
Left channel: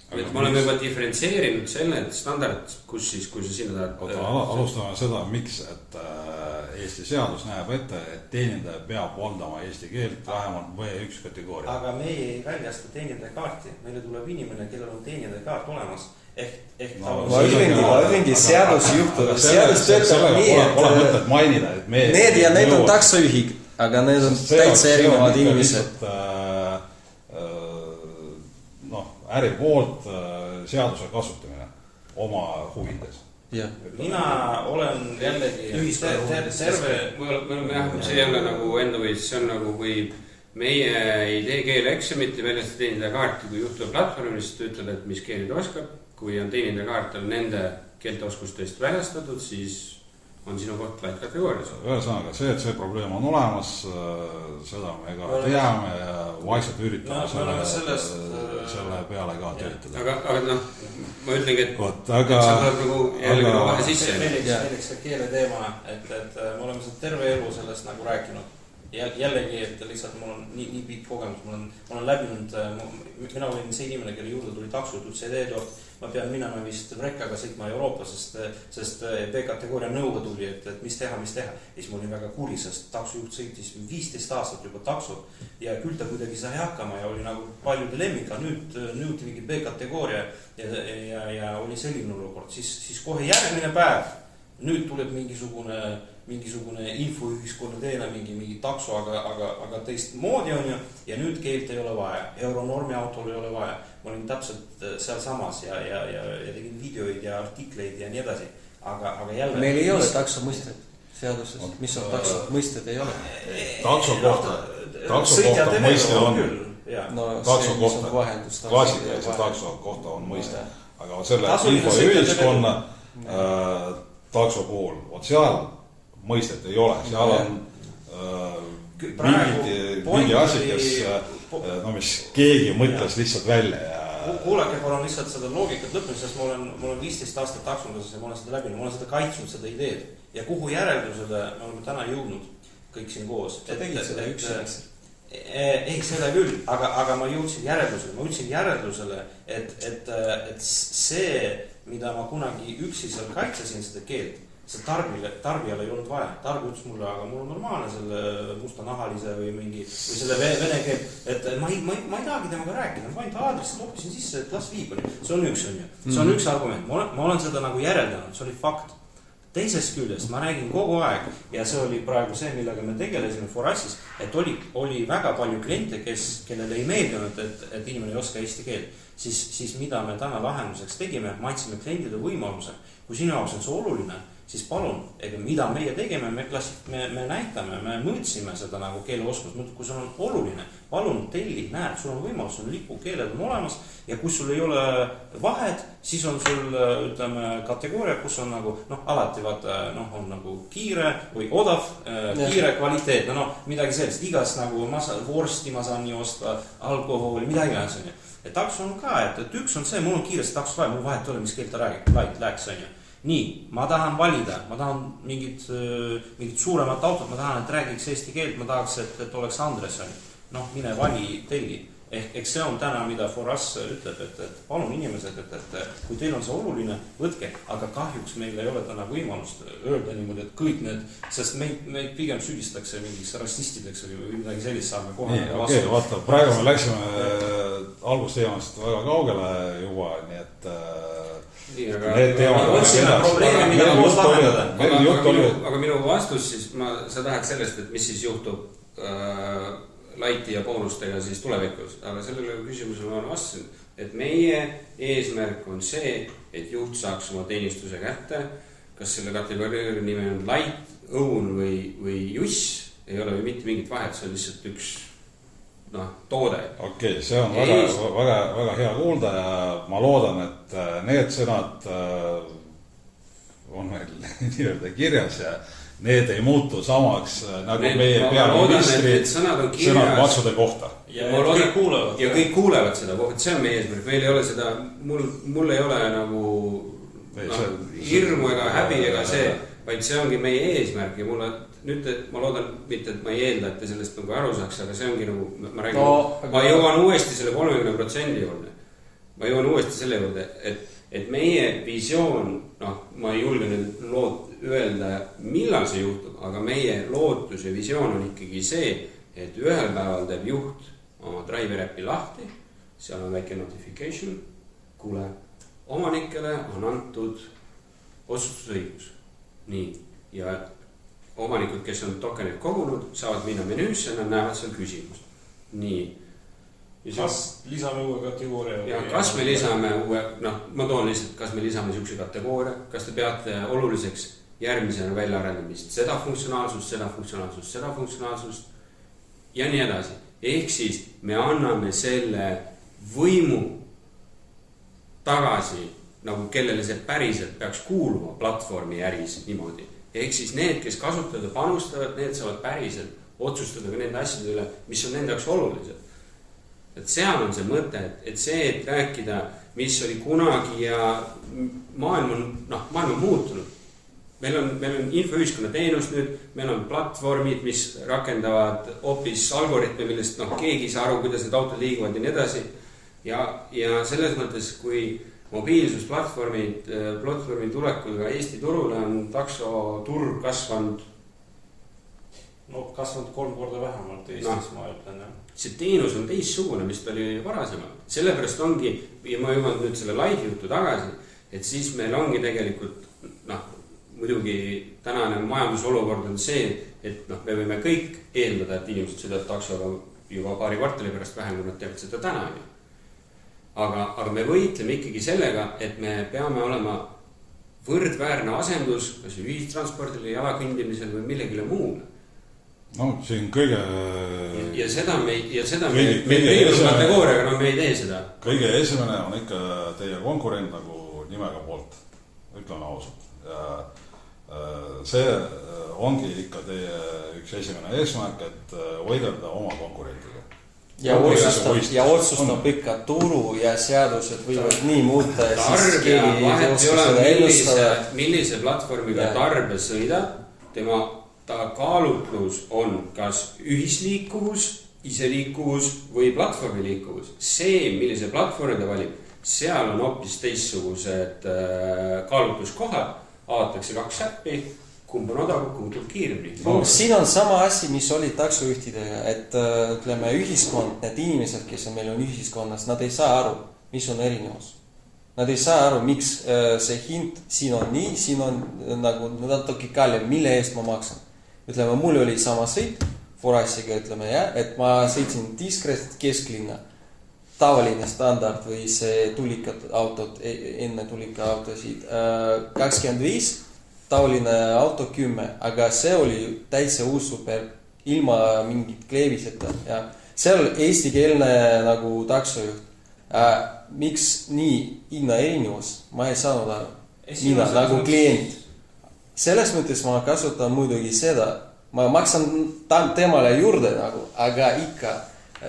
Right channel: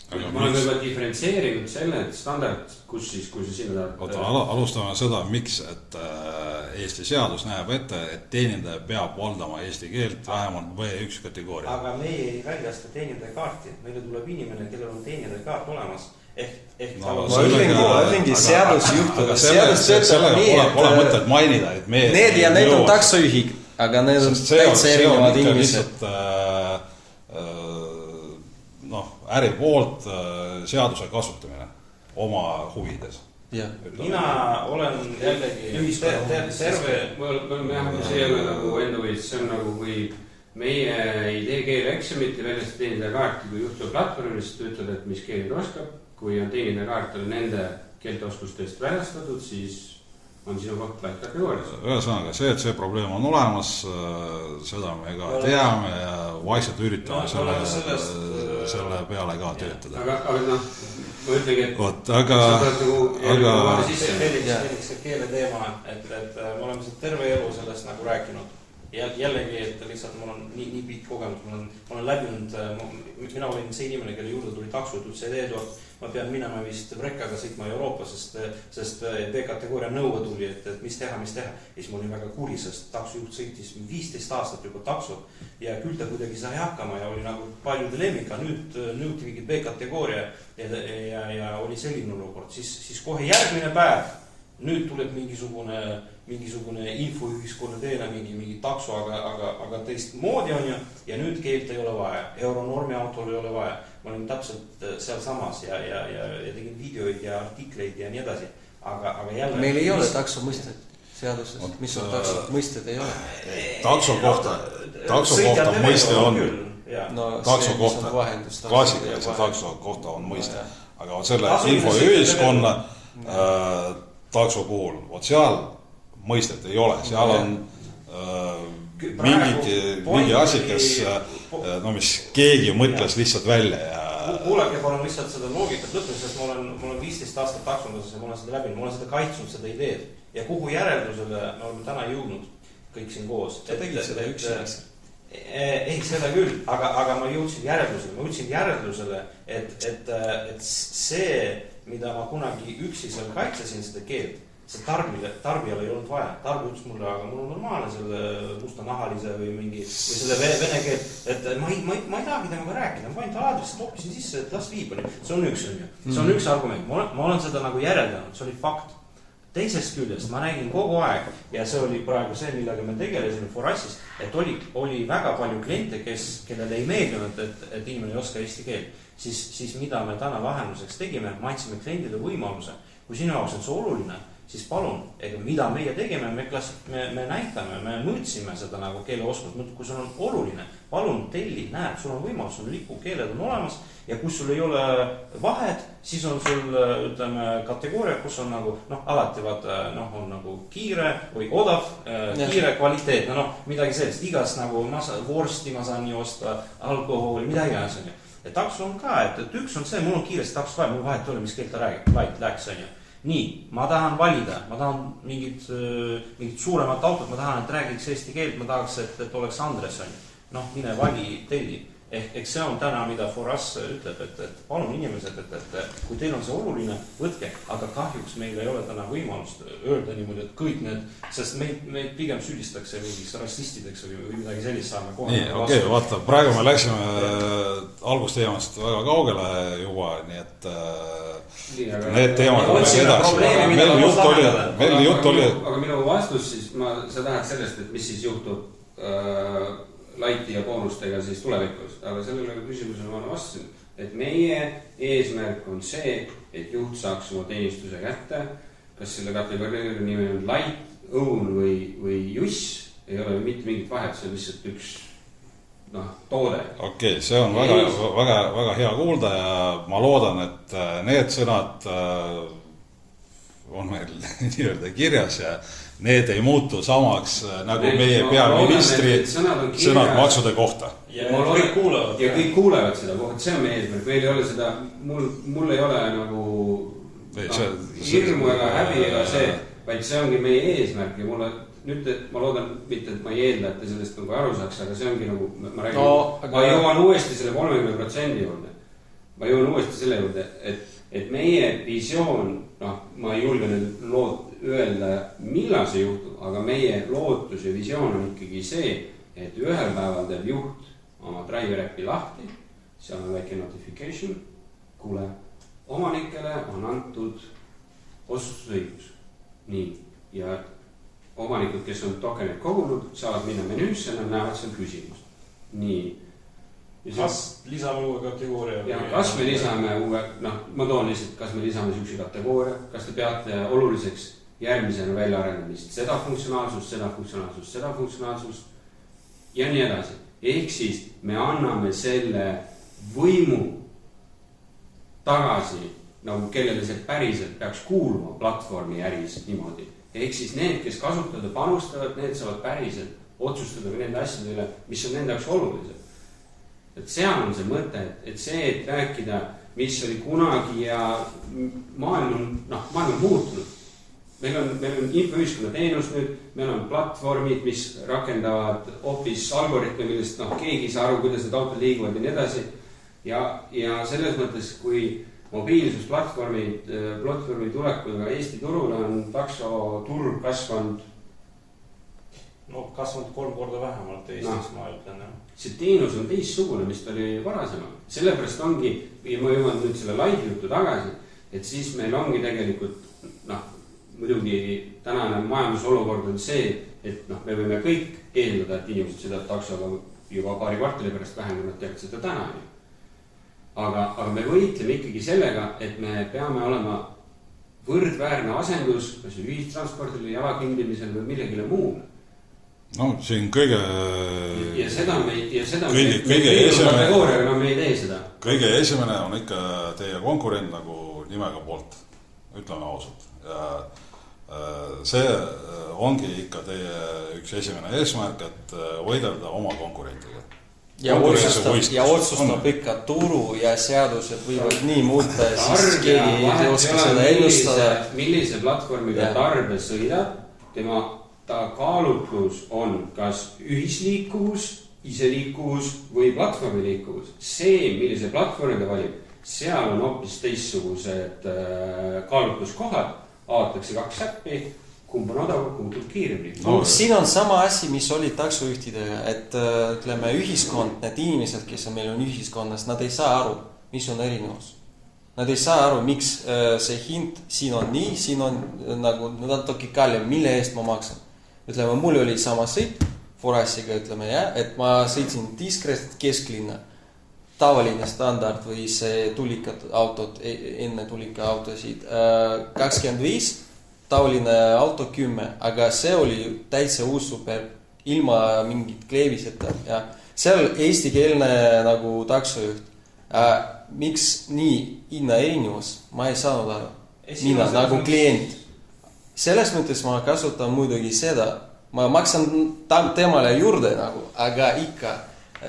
Ma olen juba diferentseerinud selle, et standard, kui sa sinna tahad... Alustame seda, miks, et Eesti seadus näeb ette, et teenindaja peab valdama eesti keelt vähemalt B1 kategooria. Aga meie ei väljasta teenindaja kaarti. Meile tuleb inimene, kellel on teenindaja kaart olemas. Ma ütlengi seadus juhtub. Seadus töötab nii, et need ja need on taksojuhid, aga need on täitsa erinevad inimesed. Äri poolt seaduse kasutamine oma huvides. Mina olen jällegi terve... See ei ole nagu enda võis, see on nagu kui meie ei tee keeleeksamit ja väljast teenindaja kaarti, kui juhtub platvormis, ta ütleb, et mis keelid oskab. Kui on teenindaja kaart on nende keelteoskustest väljastatud, siis on sinu koht light kategoorias. Ühesõnaga, see, et see probleem on olemas, seda me ka teame ja vaikselt üritame selle peale ka töötada. Aga ma ütlengi, et sa oled nagu jälle vahele sisse. Eriks see keele teema, et me oleme seda terve elu sellest nagu rääkinud. Jällegi, et lihtsalt mul on nii pikk kogemus, ma olen läbinud, mina olin see inimene, kelle juurde tuli taksot üldse edu, ma pean minema vist Vrekkaga sõitma Euroopa, sest B-kategooria nõue tuli, et mis teha. Ja siis ma olin väga kuri, sest taksojuht sõitis 15 aastat juba taksot ja küll ta kuidagi sai hakkama ja oli nagu paljude lemmika, nüüd nõuti mingi B-kategooria ja oli selline olukord, siis kohe järgmine päev, nüüd tuleb mingisugune infoühiskonna teele mingi takso, aga teist moodi on ja nüüd keelt ei ole vaja. Euronormi autol ei ole vaja. Ma olin täpselt seal samas ja tegin videoid ja artikleid ja nii edasi. Aga jälle... Meil ei ole takso mõisted seaduses. Mis on takso mõisted ei ole? Takso kohta mõiste on küll. Takso kohta, klassikaline takso kohta on mõiste. Aga selle infoühiskonna takso puhul, seal mõistet ei ole, seal on mingi asi, mis keegi mõtles lihtsalt välja ja... Kuulake palun lihtsalt seda loogikat lõpus, sest ma olen 15 aastat taksonduses ja ma olen seda läbinud, ma olen seda kaitsnud, seda ideed ja kuhu järeldusele me oleme täna jõudnud kõik siin koos. Sa tegid seda üksi? Ei, seda küll, aga ma jõudsin järeldusele, et see, mida ma kunagi üksi seal kaitsesin seda keelt, see tarbijal ei olnud vaja. Tarbija ütles mulle, aga mul on normaalne selle mustanahalise või mingi, või selle vene keel, et ma ei tahagi temaga rääkida, ma ainult aadressi toppisin sisse, et las viib. See on üks argument. Ma olen seda nagu järeldanud, see oli fakt. Teisest küljest ma nägin kogu aeg ja see oli praegu see, millega me tegelesime Forassis, et oli väga palju kliente, kellele ei meeldinud, et inimene ei oska eesti keelt. Siis mida me täna lahenduseks tegime, et me andsime kliendile võimaluse, kui sinu jaoks on see oluline, siis palun, mida meie tegime, me näitame, me mõõtsime seda nagu keeleoskust, kui sul on oluline, palun telli, näed, sul on võimalus, sul lipukeeled on olemas ja kui sul ei ole vahed, siis on sul, ütleme, kategooria, kus on nagu, alati vaata, on nagu kiire või odav, kiire kvaliteet, midagi sellist, igast nagu vorsti ma saan nii osta, alkoholi, midagi on see. Ja takso on ka, et üks on see, mul on kiiresti takso vaja, mul vahet ei ole, mis keelt ta rääks, on ju. Nii, ma tahan valida, ma tahan mingit suuremat autot, ma tahan, et räägiks eesti keelt, ma tahaks, et oleks Andres, mine vali telli. Ehk see on täna, mida Foras ütleb, et palun inimesed, et kui teil on see oluline, võtke, aga kahjuks meil ei ole täna võimalust öelda niimoodi, et kõik need, sest meid pigem süüdistakse mingiks rassistideks või midagi sellist saame kohe. Okei, vaata, praegu me läksime algusteemast väga kaugele juba, nii et need teemad aga minu vastus siis, sa tahad sellest, et mis siis juhtub laiti ja boonustega siis tulevikus, aga sellele küsimusele ma vastasin, et meie eesmärk on see, et juht saaks oma teenistuse kätte, kas selle kategooria nimi on light, õun või juss, ei ole mitte mingit vahet, see on lihtsalt üks toode. Okei, see on väga hea kuulda ja ma loodan, et need sõnad on meil nii-öelda kirjas ja need ei muutu samaks nagu meie peaministri sõnad maksude kohta. Ja kõik kuulevad seda, see on meie eesmärk, meil ei ole seda, mul ei ole nagu hirmu ega häbi ega see, vaid see ongi meie eesmärk ja mulle nüüd, et ma loodan mitte, et ma ei eelda, et te sellest nagu aru saaks, aga see ongi nagu, ma räägin, ma jõuan uuesti selle 30% juurde. Ma jõuan uuesti selle juurde, et meie visioon, ma ei julge nüüd öelda, millal see juhtub, aga meie lootus ja visioon on ikkagi see, et ühel päeval teeb juht oma driver äppi lahti, seal on väike notification, kuule, omanikele on antud otsustusõigus. Nii, ja omanikud, kes on tokenid kogunud, saavad minna menüüsse, nad näevad seal küsimus. Nii. Kas lisame uue kategooria? Ja kas me lisame uue, ma toon lihtsalt, kas me lisame sükse kategooria, kas te peate oluliseks järgmisena välja arendamist seda funktsionaalsust ja nii edasi. Ehk siis me anname selle võimu tagasi, nagu kellele see päriselt peaks kuuluma platvormi äris niimoodi. Ehk siis need, kes kasutavad ja panustavad, need saavad päriselt otsustada ka nende asjade üle, mis on nende jaoks olulised. Et seal on see mõte, et see, et rääkida, mis oli kunagi ja maailm on muutunud. Meil on infoühiskonna teenus nüüd, meil on platvormid, mis rakendavad hoopis algoritme, millest keegi ei saa aru, kuidas need autod liiguvad ja nii edasi. Ja selles mõttes, kui mobiilsusplatvormi tulekuga Eesti turule on taksoturg kasvanud. Kasvanud 3 korda vähemalt Eestis, ma ütlen. See teenus on teistsugune, mis ta oli varasemalt. Sellepärast ongi, ja ma jõuan nüüd selle live jutu tagasi, et siis meil ongi tegelikult, muidugi tänane majandusolukord on see, et me võime kõik eeldada, et inimesed sõidavad taksoga juba paari kvartali pärast vähem, kui nad teavad seda täna. Aga me võitleme ikkagi sellega, et me peame olema võrdväärne asendus, kas ühistranspordile, jalakõndimisel või millegile muule. Siin kõige... Ja seda me kategooriaga, me ei tee seda. Kõige esimene on ikka teie konkurent nagu nimega poolt, ütleme ausalt. Ja see ongi ikka teie üks esimene eesmärk, et võidelda oma konkurentiga. Ja otsustab ikka turu ja seadused võivad nii muuta ja siis keegi ei oska seda ennustada. Millise platvormiga tarbe sõidab, ta kaalutlus on kas ühisliikuvus, iseliikuvus või platvormiliikuvus. See, millise platvormi ta valib, seal on hoopis teistsugused kaalutluskohad, avatakse 2 äppi, kumb on odav, kumb tuleb kiiremini. Siin on sama asi, mis oli taksojuhtidega, et ütleme ühiskond, need inimesed, kes on meil on ühiskonnas, nad ei saa aru, mis on erinevus. Nad ei saa aru, miks see hind siin on nii, siin on nagu natuke kallim, mille eest ma maksan. Ütleme, mul oli sama sõit, Forassiga ütleme, et ma sõitsin Diskrest kesklinna, tavaline standard või see tulikad autod, enne tulika autosid 25, tavaline auto 10, aga see oli täitsa uus super, ilma mingit kleeviseta ja seal eestikeelne nagu taksojuht. Miks nii hinna erinevus? Ma ei saanud aru. Mina nagu klient. Selles mõttes ma kasutan muidugi seda. Ma maksan temale juurde nagu, aga ikka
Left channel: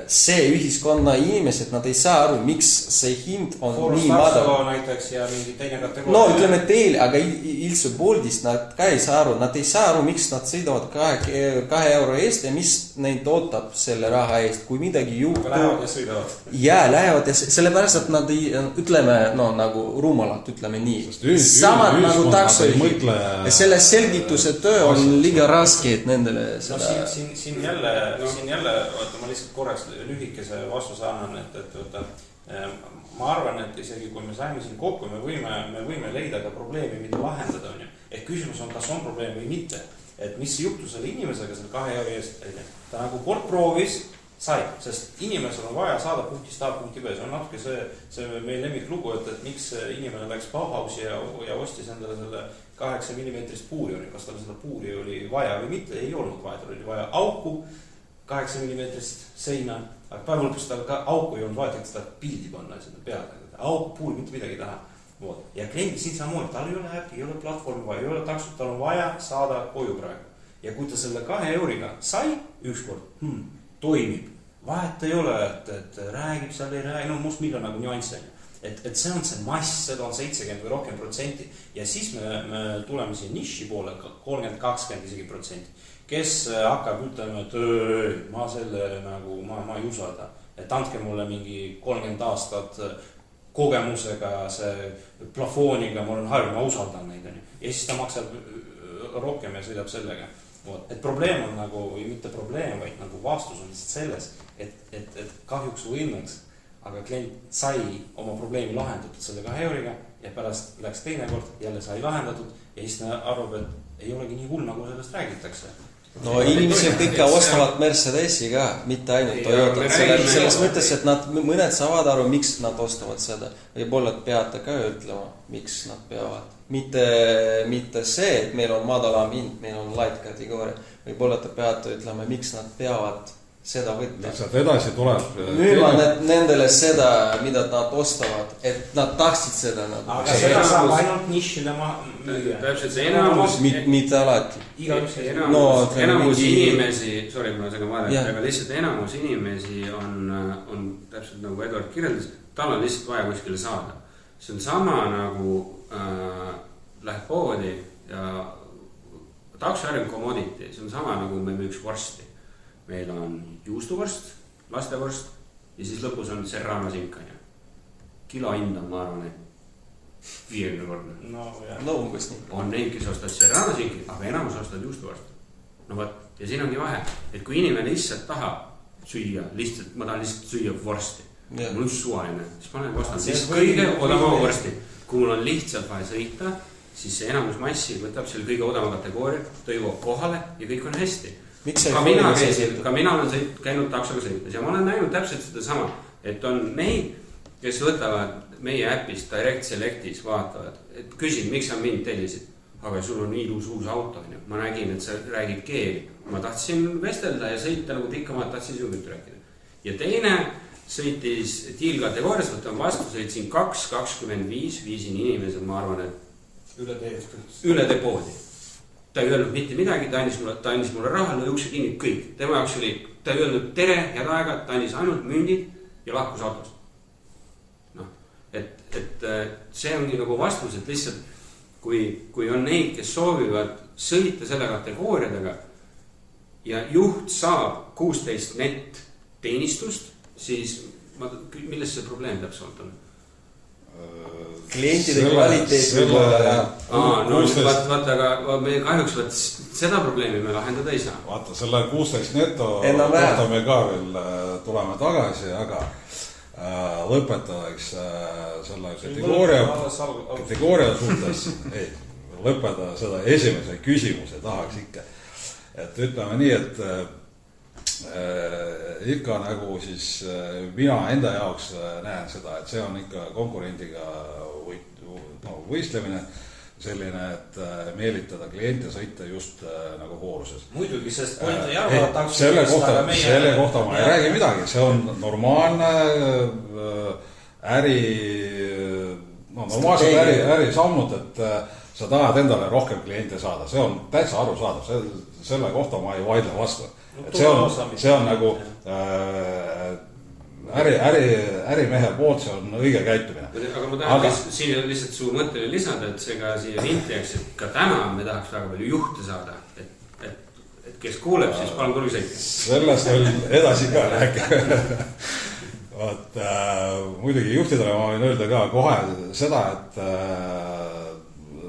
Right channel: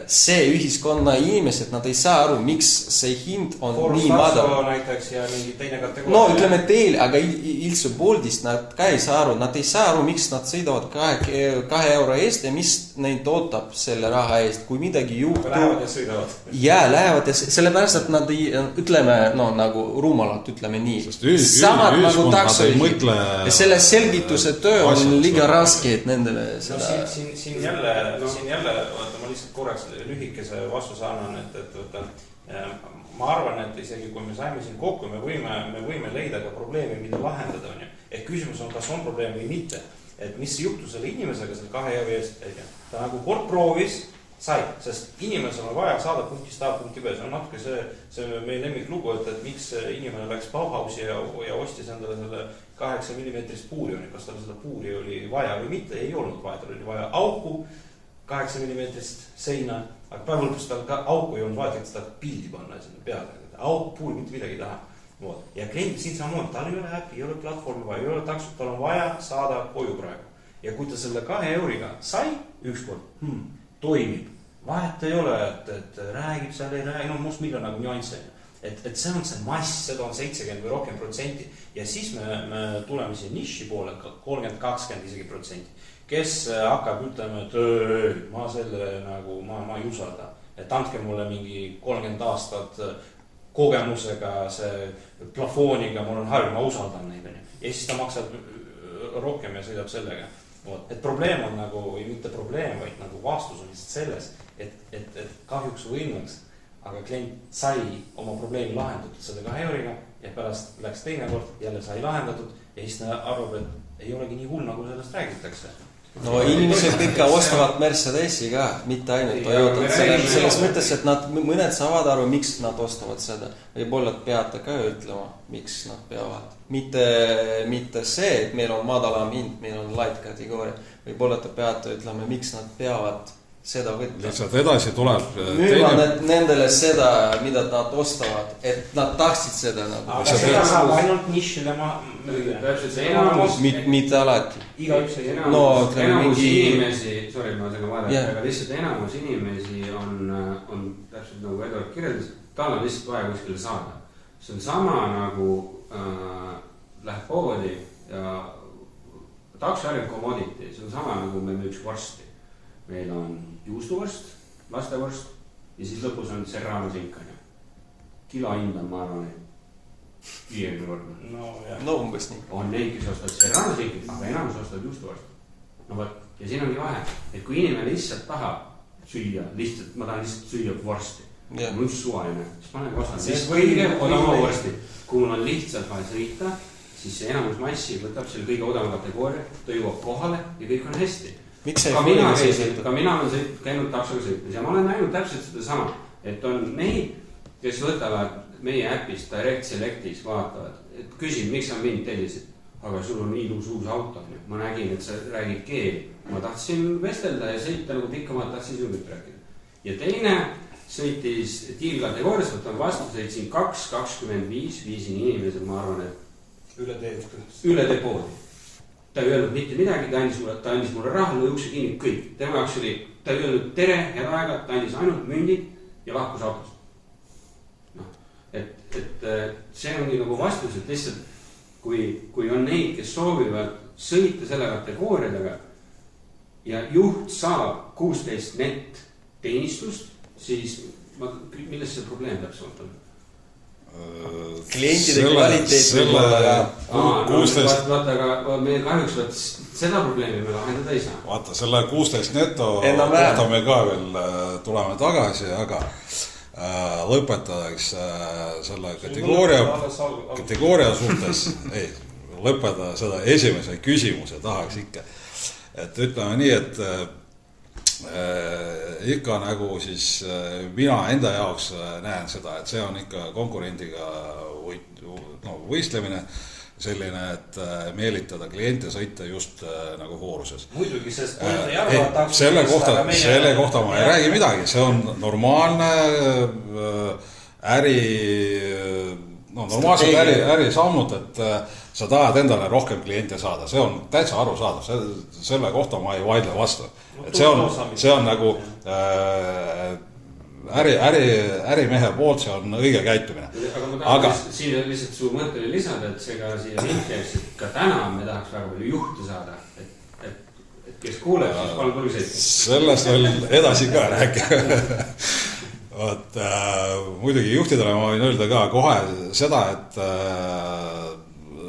see ühiskonna inimesed, nad ei saa aru, miks see hind on Forus nii madal. näiteks ja mingi teine kategooria. No ütleme teil, aga üldse Boltist nad ka ei saa aru. Nad ei saa aru, miks nad sõidavad 2 euro eest ja mis neid ootab selle raha eest, kui midagi juhtub. Lähevad ja sõidavad. Ja lähevad ja sellepärast, et nad ei, ütleme, no nagu rumalad, ütleme nii. Samad nagu taksojuhid. Ja selle selgituse töö on liiga raske, et nendele seda... No, siin jälle, ma lihtsalt korraks lühikese vastuse annan, et ma arvan, et isegi kui me saime siin kokku, me võime leida ka probleemi, mida lahendada on ju. Ehk küsimus on, kas on probleem või mitte. Et mis juhtus selle inimesega selle 2 euro eest, ta nagu kord proovis, sai, sest inimesel on vaja saada punktist A punkti B. See on natuke see meil lemmik lugu, et miks inimene läks Bauhausi ja ostis endale selle 8 mm puuri, kas tal seda puuri oli vaja või mitte, ei olnud vaja, tal oli vaja auku, 8 mm seina, aga päeva lõpus tal ka auku ei olnud vaja, et seda pildi panna selle peale. Auku, puul, mitte midagi taha. Ja klient siin samamoodi, tal ei ole äpi, ei ole platvormi vaja, ei ole taksot, tal on vaja saada koju praegu. Ja kui ta selle 2 euriga sai ükskord, toimib, vahet ei ole, et räägib seal, ei räägi, no must millal nagu nüanssi. Et see on see mass, seda on 70 või rohkem protsenti. Ja siis me tuleme siin niši poole, 30-20 isegi protsenti. Kes hakkab ütlema, et ma selle nagu, ma ei usalda. Et andke mulle mingi 30 aastat kogemusega, see plafooniga, mul on harju, ma usaldan neid. Ja siis ta maksab rohkem ja sõidab sellega. Et probleem on nagu, või mitte probleem, vaid nagu vastus on lihtsalt selles, et kahjuks või õnneks, aga klient sai oma probleemi lahendatud selle 2 euriga ja pärast läks teine kord, jälle sai lahendatud ja siis ta arvab, et ei olegi nii hull, nagu sellest räägitakse. No inimesed ikka ostavad Mercedesi ka, mitte ainult Toyotat. Selles mõttes, et nad mõned saavad aru, miks nad ostavad seda. Võib-olla peate ka ütlema, miks nad peavad. Mitte see, et meil on madalam hind, meil on light kategooria. Võib-olla te peate ütlema, miks nad peavad seda võtta. Lihtsalt edasi tuleb... Müüma nendele seda, mida nad ostavad, et nad tahtsid seda. Aga seda saab ainult nišile täpselt see enamus... Mitte alati. Enamus inimesi, sorry, ma segan vahele, aga lihtsalt enamus inimesi on täpselt nagu Edward kirjeldas, tal on lihtsalt vaja kuskile saada. See on sama nagu läheb poodi ja taksoärim commodity, see on sama nagu me müüks vorsti. Meil on juustuvorst, lastevorst ja siis lõpus on serrano sinkani. Kilo hind on, ma arvan, 50-võrdne. No umbes nii. On neid, kes ostavad serrano sinkani, aga enamus ostavad juustuvorst. No võt, ja siin ongi vahe, et kui inimene lihtsalt tahab süüa, ma tahan lihtsalt süüa vorsti. Mul on suvaline, siis ma olen ostanud lihtsalt kõige odavama vorsti. Kui mul on lihtsalt vaja sõita, siis see enamus massi võtab seal kõige odavama kategooria, ta jõuab kohale ja kõik on hästi. Ka mina olen käinud taksoga sõites ja ma olen näinud täpselt seda sama, et on neid, kes võtavad meie äpist Direct Selectis, vaatavad, et küsin, miks sa mind tellisid, aga sul on ilus uus auto, ma nägin, et sa räägid keeli, ma tahtsin vestelda ja sõita nagu tikkamalt, tahtsin sinuga rääkida. Ja teine sõitis tiilkategoorias, võtan vastu, sõitsin 2.25, viisin inimesed, ma arvan, et üle tee poodi. Ta ei öelnud mitte midagi, ta andis mulle raha, lõi ukse kinni, kõik. Tema jaoks oli, ta ei öelnud tere, head aega, ta andis ainult mündid ja lahkus autost. No, et see ongi nagu vastus, et lihtsalt kui on neid, kes soovivad sõita selle kategooriadega ja juht saab 16 net teenistust, siis milles see probleem täpselt on? klientide kvaliteet võib olla ja vaata, aga me kahjuks seda probleemi me lahendada ei saa. Vaata, selle 16 neto kohta me ka veel tuleme tagasi, aga lõpetadaks selle kategooria suhtes, ei, lõpetada seda esimese küsimuse tahaks ikka. Et ütleme nii, et ikka nagu siis mina enda jaoks näen seda, et see on ikka konkurendiga võistlemine selline, et meelitada kliente sõita just nagu hooruses. Muidugi, sest point ei arvata selle kohta ma ei räägi midagi, see on normaalne normaalsed ärisammud, et sa tahad endale rohkem kliente saada, see on täitsa arusaadav, selle kohta ma ei vaidle vastu. Et see on nagu ärimehe poolt, see on õige käitumine. Aga ma tahan siin lihtsalt su mõttele lisada, et see ka siia vintiaks, et ka täna me tahaks väga palju juhte saada, et kes kuuleb, siis palun tuli sõita. Sellest veel edasi ka rääkida. Vaat, muidugi juhtidele ma võin öelda ka kohe seda, et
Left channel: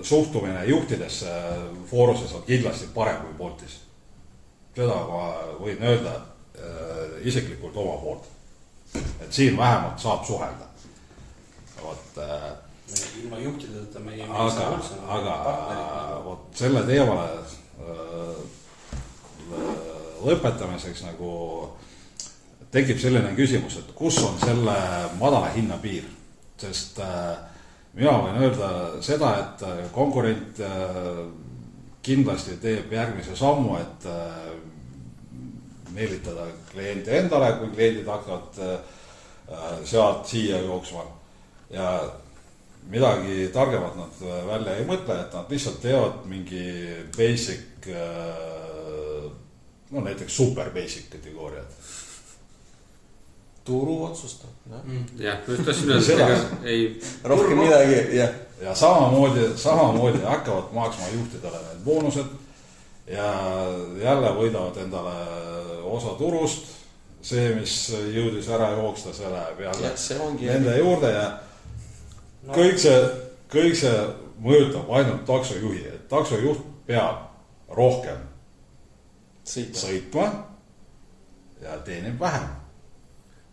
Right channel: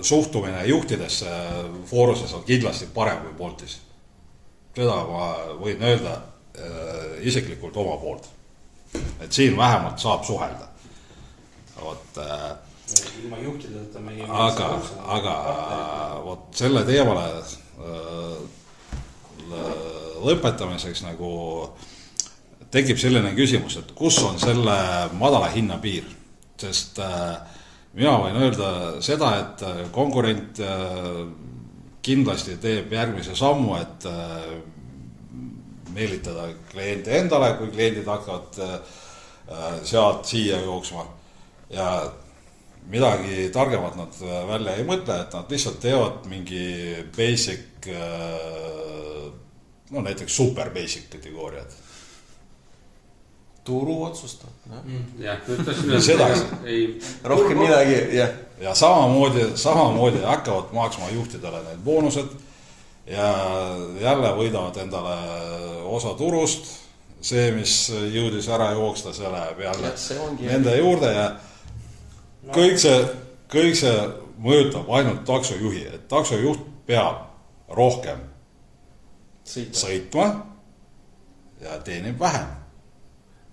suhtumine juhtidesse fooruses on kindlasti parem kui Boltis. Seda ma võin öelda isiklikult oma poolt. Et siin vähemalt saab suhelda. Ilma juhtideta meie aga võt selle teemale lõpetamiseks nagu tekib selline küsimus, et kus on selle madala hinna piir, sest mina võin öelda seda, et konkurent kindlasti teeb järgmise sammu, et meelitada kliente endale, kui kliendid hakkavad sealt siia jooksma ja midagi targemat nad välja ei mõtle, et nad lihtsalt teevad mingi basic, no näiteks super basic kategooriad. Turu otsustab. Jah, rohkem midagi, jah. Ja samamoodi hakkavad maaksma juhtidele need boonused ja jälle võidavad endale osa turust, see, mis jõudis ära jooksta, see läheb jälle nende juurde ja kõik see mõjutab ainult taksojuhi, et taksojuht peab rohkem sõitma ja teenib vähem.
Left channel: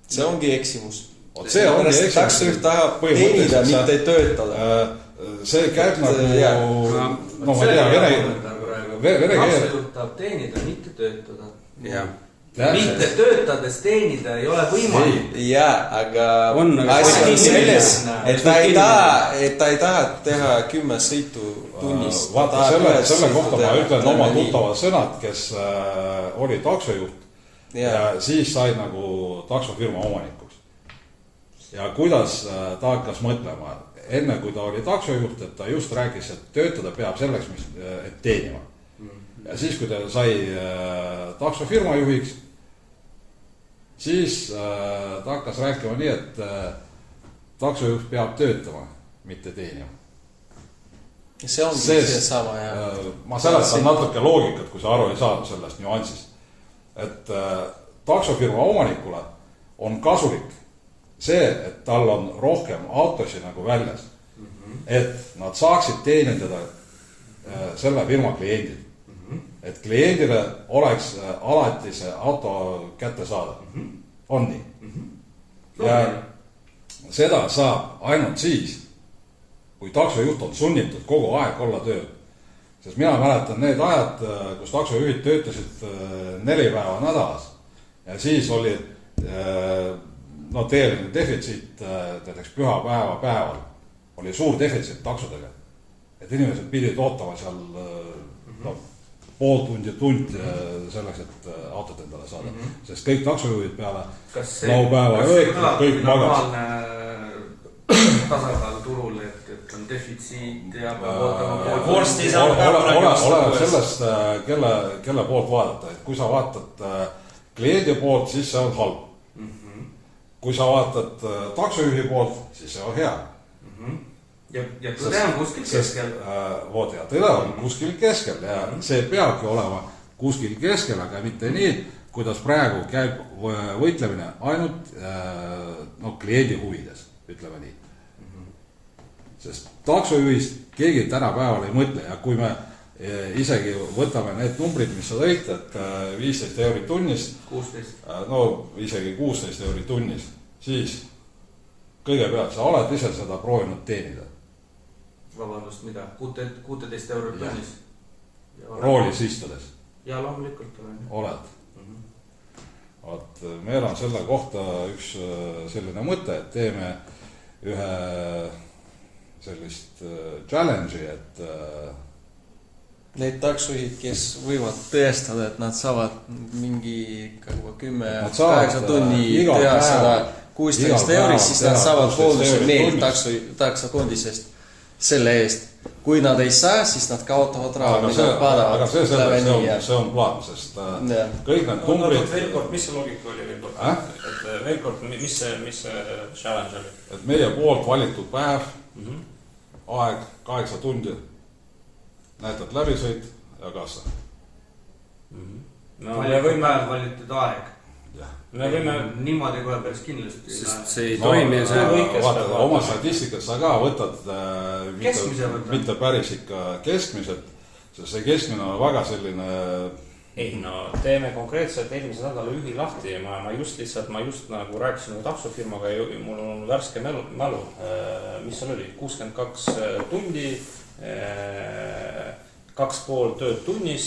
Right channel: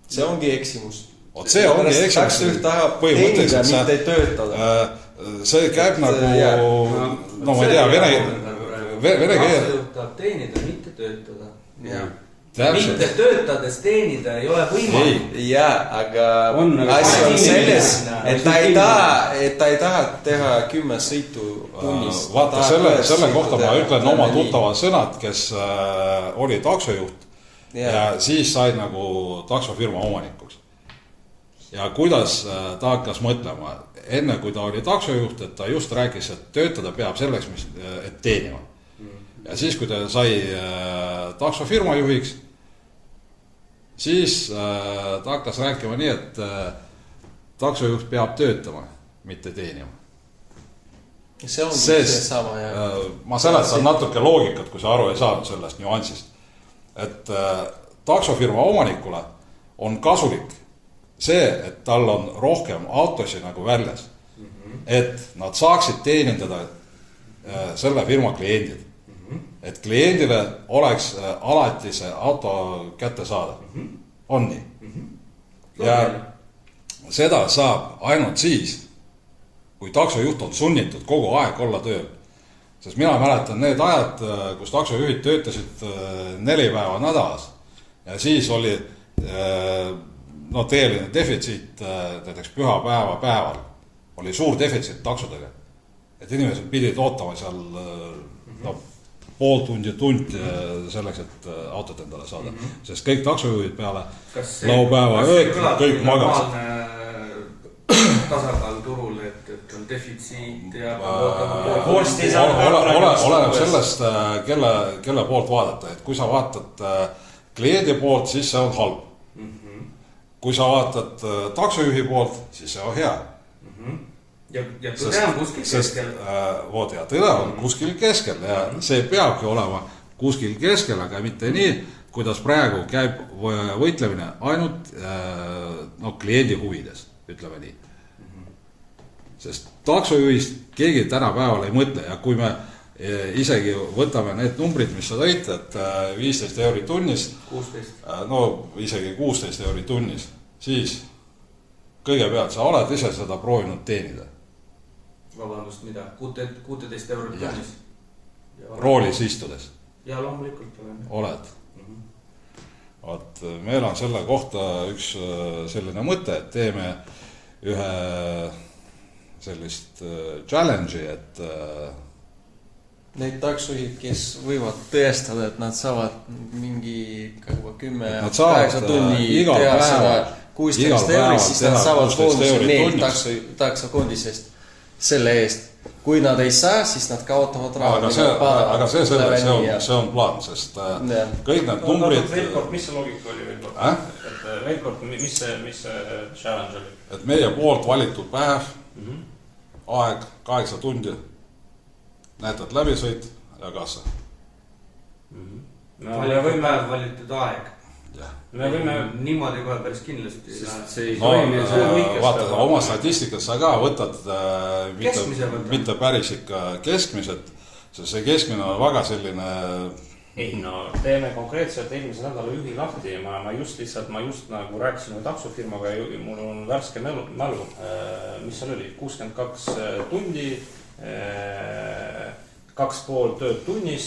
See ongi eksimus. See ongi eksimus. Taksojuht tahab teenida, mitte töötada. See käib nagu, no ma tea, vene keel. Taksojuht tahab teenida, mitte töötada. Mitte töötades teenida ei ole võimalik. Aga asi on selles, et ta ei taha teha 10 sõitu tunnis. Vaata, selle kohta ma ütlen oma tuttavad sõnad, kes oli taksojuht ja siis sai nagu taksofirma omanikuks. Ja kuidas ta hakkas mõtlema, enne kui ta oli taksojuht, et ta just rääkis, et töötada peab selleks, et teenima. Ja siis, kui ta sai taksofirma juhiks, siis ta hakkas rääkima nii, et taksojuht peab töötama, mitte teenima. See ongi see sama, jah. Ma selletan natuke loogikat, kui sa aru ei saanud sellest nüansist. Et taksofirma omanikule on kasulik see, et tal on rohkem autosi nagu väljas. Et nad saaksid teenindada selle firma kliendid. Et kliendile oleks alati see auto kätte saada. On nii. Ja seda saab ainult siis, kui taksojuht on sunnitud kogu aeg olla tööl. Sest mina mäletan need ajad, kus taksojuhid töötasid 4 päeva nädalas. Ja siis oli teeline defitsiit näiteks pühapäeva päeval. Oli suur defitsiit taksodega. Et inimesed pidid ootama seal pool tundi selleks, et autot endale saada. Sest kõik taksojuhid peale laupäeva kõik magas. Tasakaal turul, et on defitsiit ja oleneb sellest, kelle poolt vaadata. Et kui sa vaatad kliendi poolt, siis see on halb. Kui sa vaatad taksojuhi poolt, siis see on hea. Ja tõde on kuskil keskel. Ja tõde on kuskil keskel ja see peabki olema kuskil keskel, aga mitte nii, kuidas praegu käib võitlemine ainult kliendi huvides, ütleme nii. sest taksojuhist keegi tänapäeval ei mõtle ja kui me isegi võtame need numbrid, mis sa tõid, et 15 € tunnis, 16. No isegi 16 € tunnis, siis kõigepealt sa oled ise seda proovinud teenida. Vabandust, mida? 16 € tunnis? Roolis istudes? Ja loomulikult olen. Oled. Vaat meil on selle kohta üks selline mõte, et teeme ühe sellist challenge'i, et need taksojuhid, kes võivad tõestada, et nad saavad mingi 10-8 tunni teha seda 16 €, siis nad saavad boonuse meil taksokondisest selle eest. Kui nad ei saa, siis nad kaotavad raha. Aga see on plaan, sest kõik need numbrid... Veel kord, mis see loogika oli veel kord? Et veel kord, mis see challenge oli? Et meie poolt valitud päev, aeg 8 tundi, näetad läbisõit ja kassa. Me võime valitud aeg. Niimoodi kohe päris kindlasti. Sest see ei toimi. Vaata, oma statistikas sa ka võtad mitte päris ikka keskmiselt, sest see keskmine on väga selline... Ei, no teeme konkreetselt eelmise nädala juhi lahti ja ma just nagu rääkisin taksofirmaga ja mul on värske mälu, mis seal oli, 62 tundi, 2,5 tööd tunnis,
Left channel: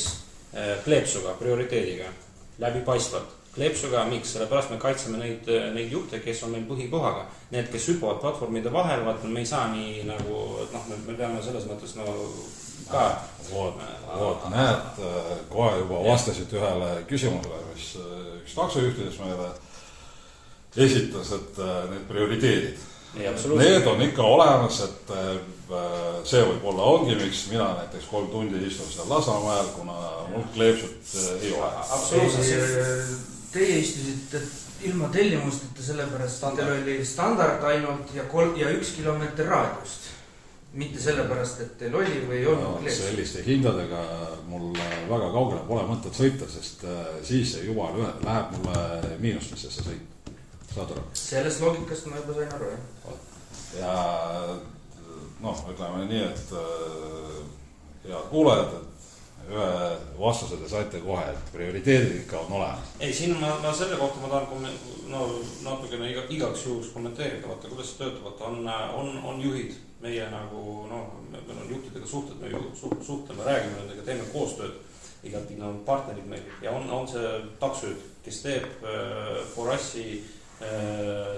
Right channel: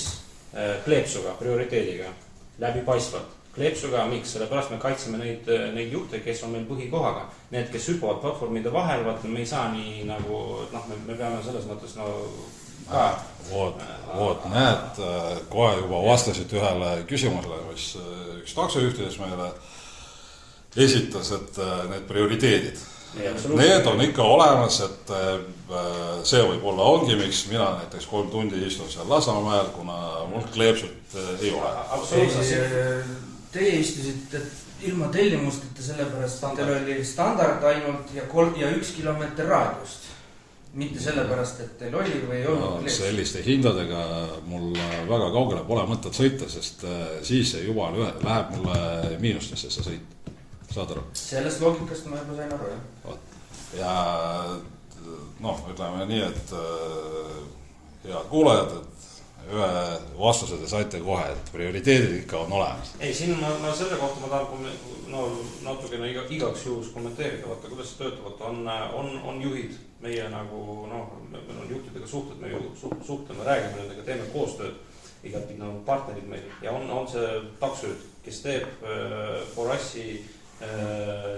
kleepsuga, prioriteediga, läbipaistvalt. Kleepsuga, miks? Sellepärast me kaitseme neid juhte, kes on meil põhikohaga. Need, kes hüppavad platvormide vahel, me ei saa nii nagu, me peame selles mõttes ka. Näed, kohe juba vastasid ühele küsimusele, mis üks taksojuhtides meile esitas, et need prioriteedid. Need on ikka olemas, et see võib olla ongi, miks mina näiteks 3 tundi istun seal Lasnamäel, kuna mul kleepsut ei ole. Absoluutselt. Teie istusite ilma tellimusteta sellepärast, et teil oli standard ainult ja 1 kilomeeter raadiust. Mitte sellepärast, et teil oli või ei olnud kleepsut. Selliste hindadega mul väga kaugele pole mõtet sõita, sest siis juba läheb mulle miinustesse see sõit. Saad aru? Sellest loogikast ma juba sain aru, jah. Ja ütleme nii, et head kuulajad, et ühe vastuse te saite kohe, et prioriteedid ikka on olemas. Ei, siin ma selle kohta ma tahan natukene igaks juhus kommenteerida, vaata, kuidas see töötab, on juhid, meie nagu, meil on juhtidega suhted, me suhtleme, räägime nendega, teeme koostööd, igati nagu partnerid meil ja on see taksojuht, kes teeb Forassi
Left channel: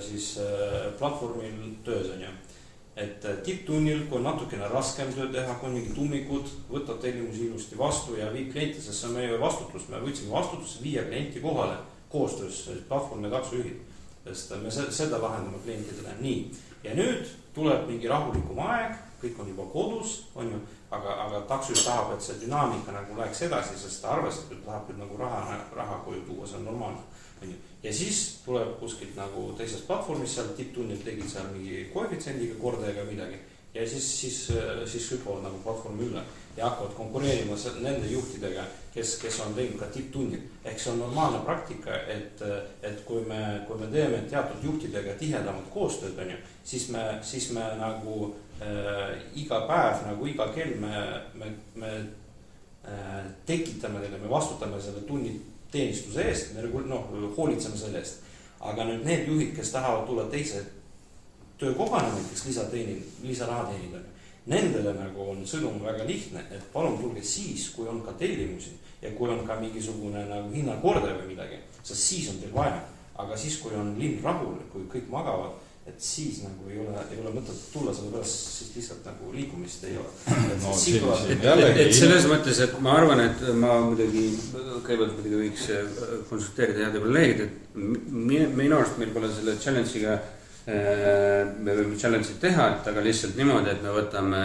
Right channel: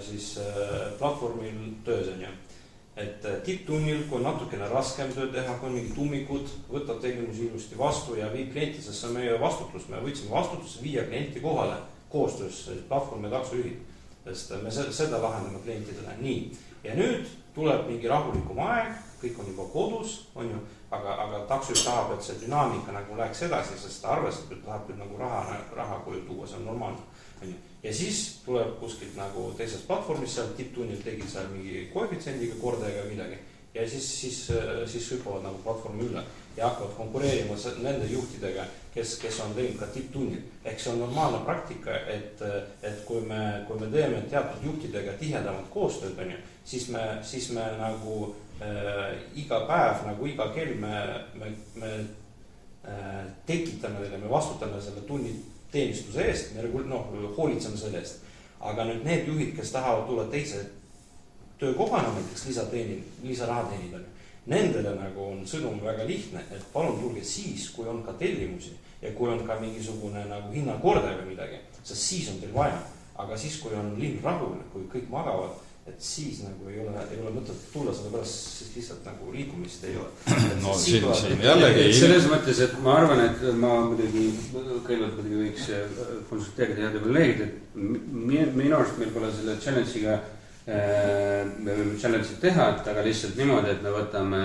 siis platvormil töös on ju. Et tipptunnil, kui on natukene raskem töö teha, kui on mingid ummikud, võtab tellimusi ilusti vastu ja viib klienti, sest see on meie vastutus. Me võtsime vastutusse 5 klienti kohale koostöös platvormi ja taksojuhid, sest me seda lahendame klientidele nii. Ja nüüd tuleb mingi rahulikum aeg, kõik on juba kodus, on ju, aga taksojuht tahab, et see dünaamika nagu läheks edasi, sest ta arvestab, et tahab küll nagu raha koju tuua, see on normaalne. Ja siis tuleb kuskilt nagu teisest platvormist, seal tipptunnil tegid seal mingi koefitsiendiga kordajaga midagi ja siis hüppavad nagu platvormi üle ja hakkavad konkureerima nende juhtidega, kes on teinud ka tipptunnil. Ehk see on normaalne praktika, et kui me teeme teatud juhtidega tihedamat koostööd, siis me nagu iga päev, nagu iga kell me tekitame teile, me vastutame selle tunni teenistuse eest, me hoolitseme selle eest. Aga nüüd need juhid, kes tahavad tulla teise töökohana, näiteks lisaraha teenida, nendele nagu on sõnum väga lihtne, et palun tulge siis, kui on ka tellimusi ja kui on ka mingisugune nagu hinnakordaja või midagi, sest siis on teil vaja. Aga siis, kui on linn rahul, kui kõik magavad, et siis nagu ei ole mõtet tulla, sellepärast siis lihtsalt nagu liikumist ei ole. Selles mõttes, et ma arvan, et ma kõigepealt võiks konsulteerida heade kolleegid, et minu arust meil pole selle challenge'iga, me võime challenge'id teha, aga lihtsalt niimoodi, et me võtame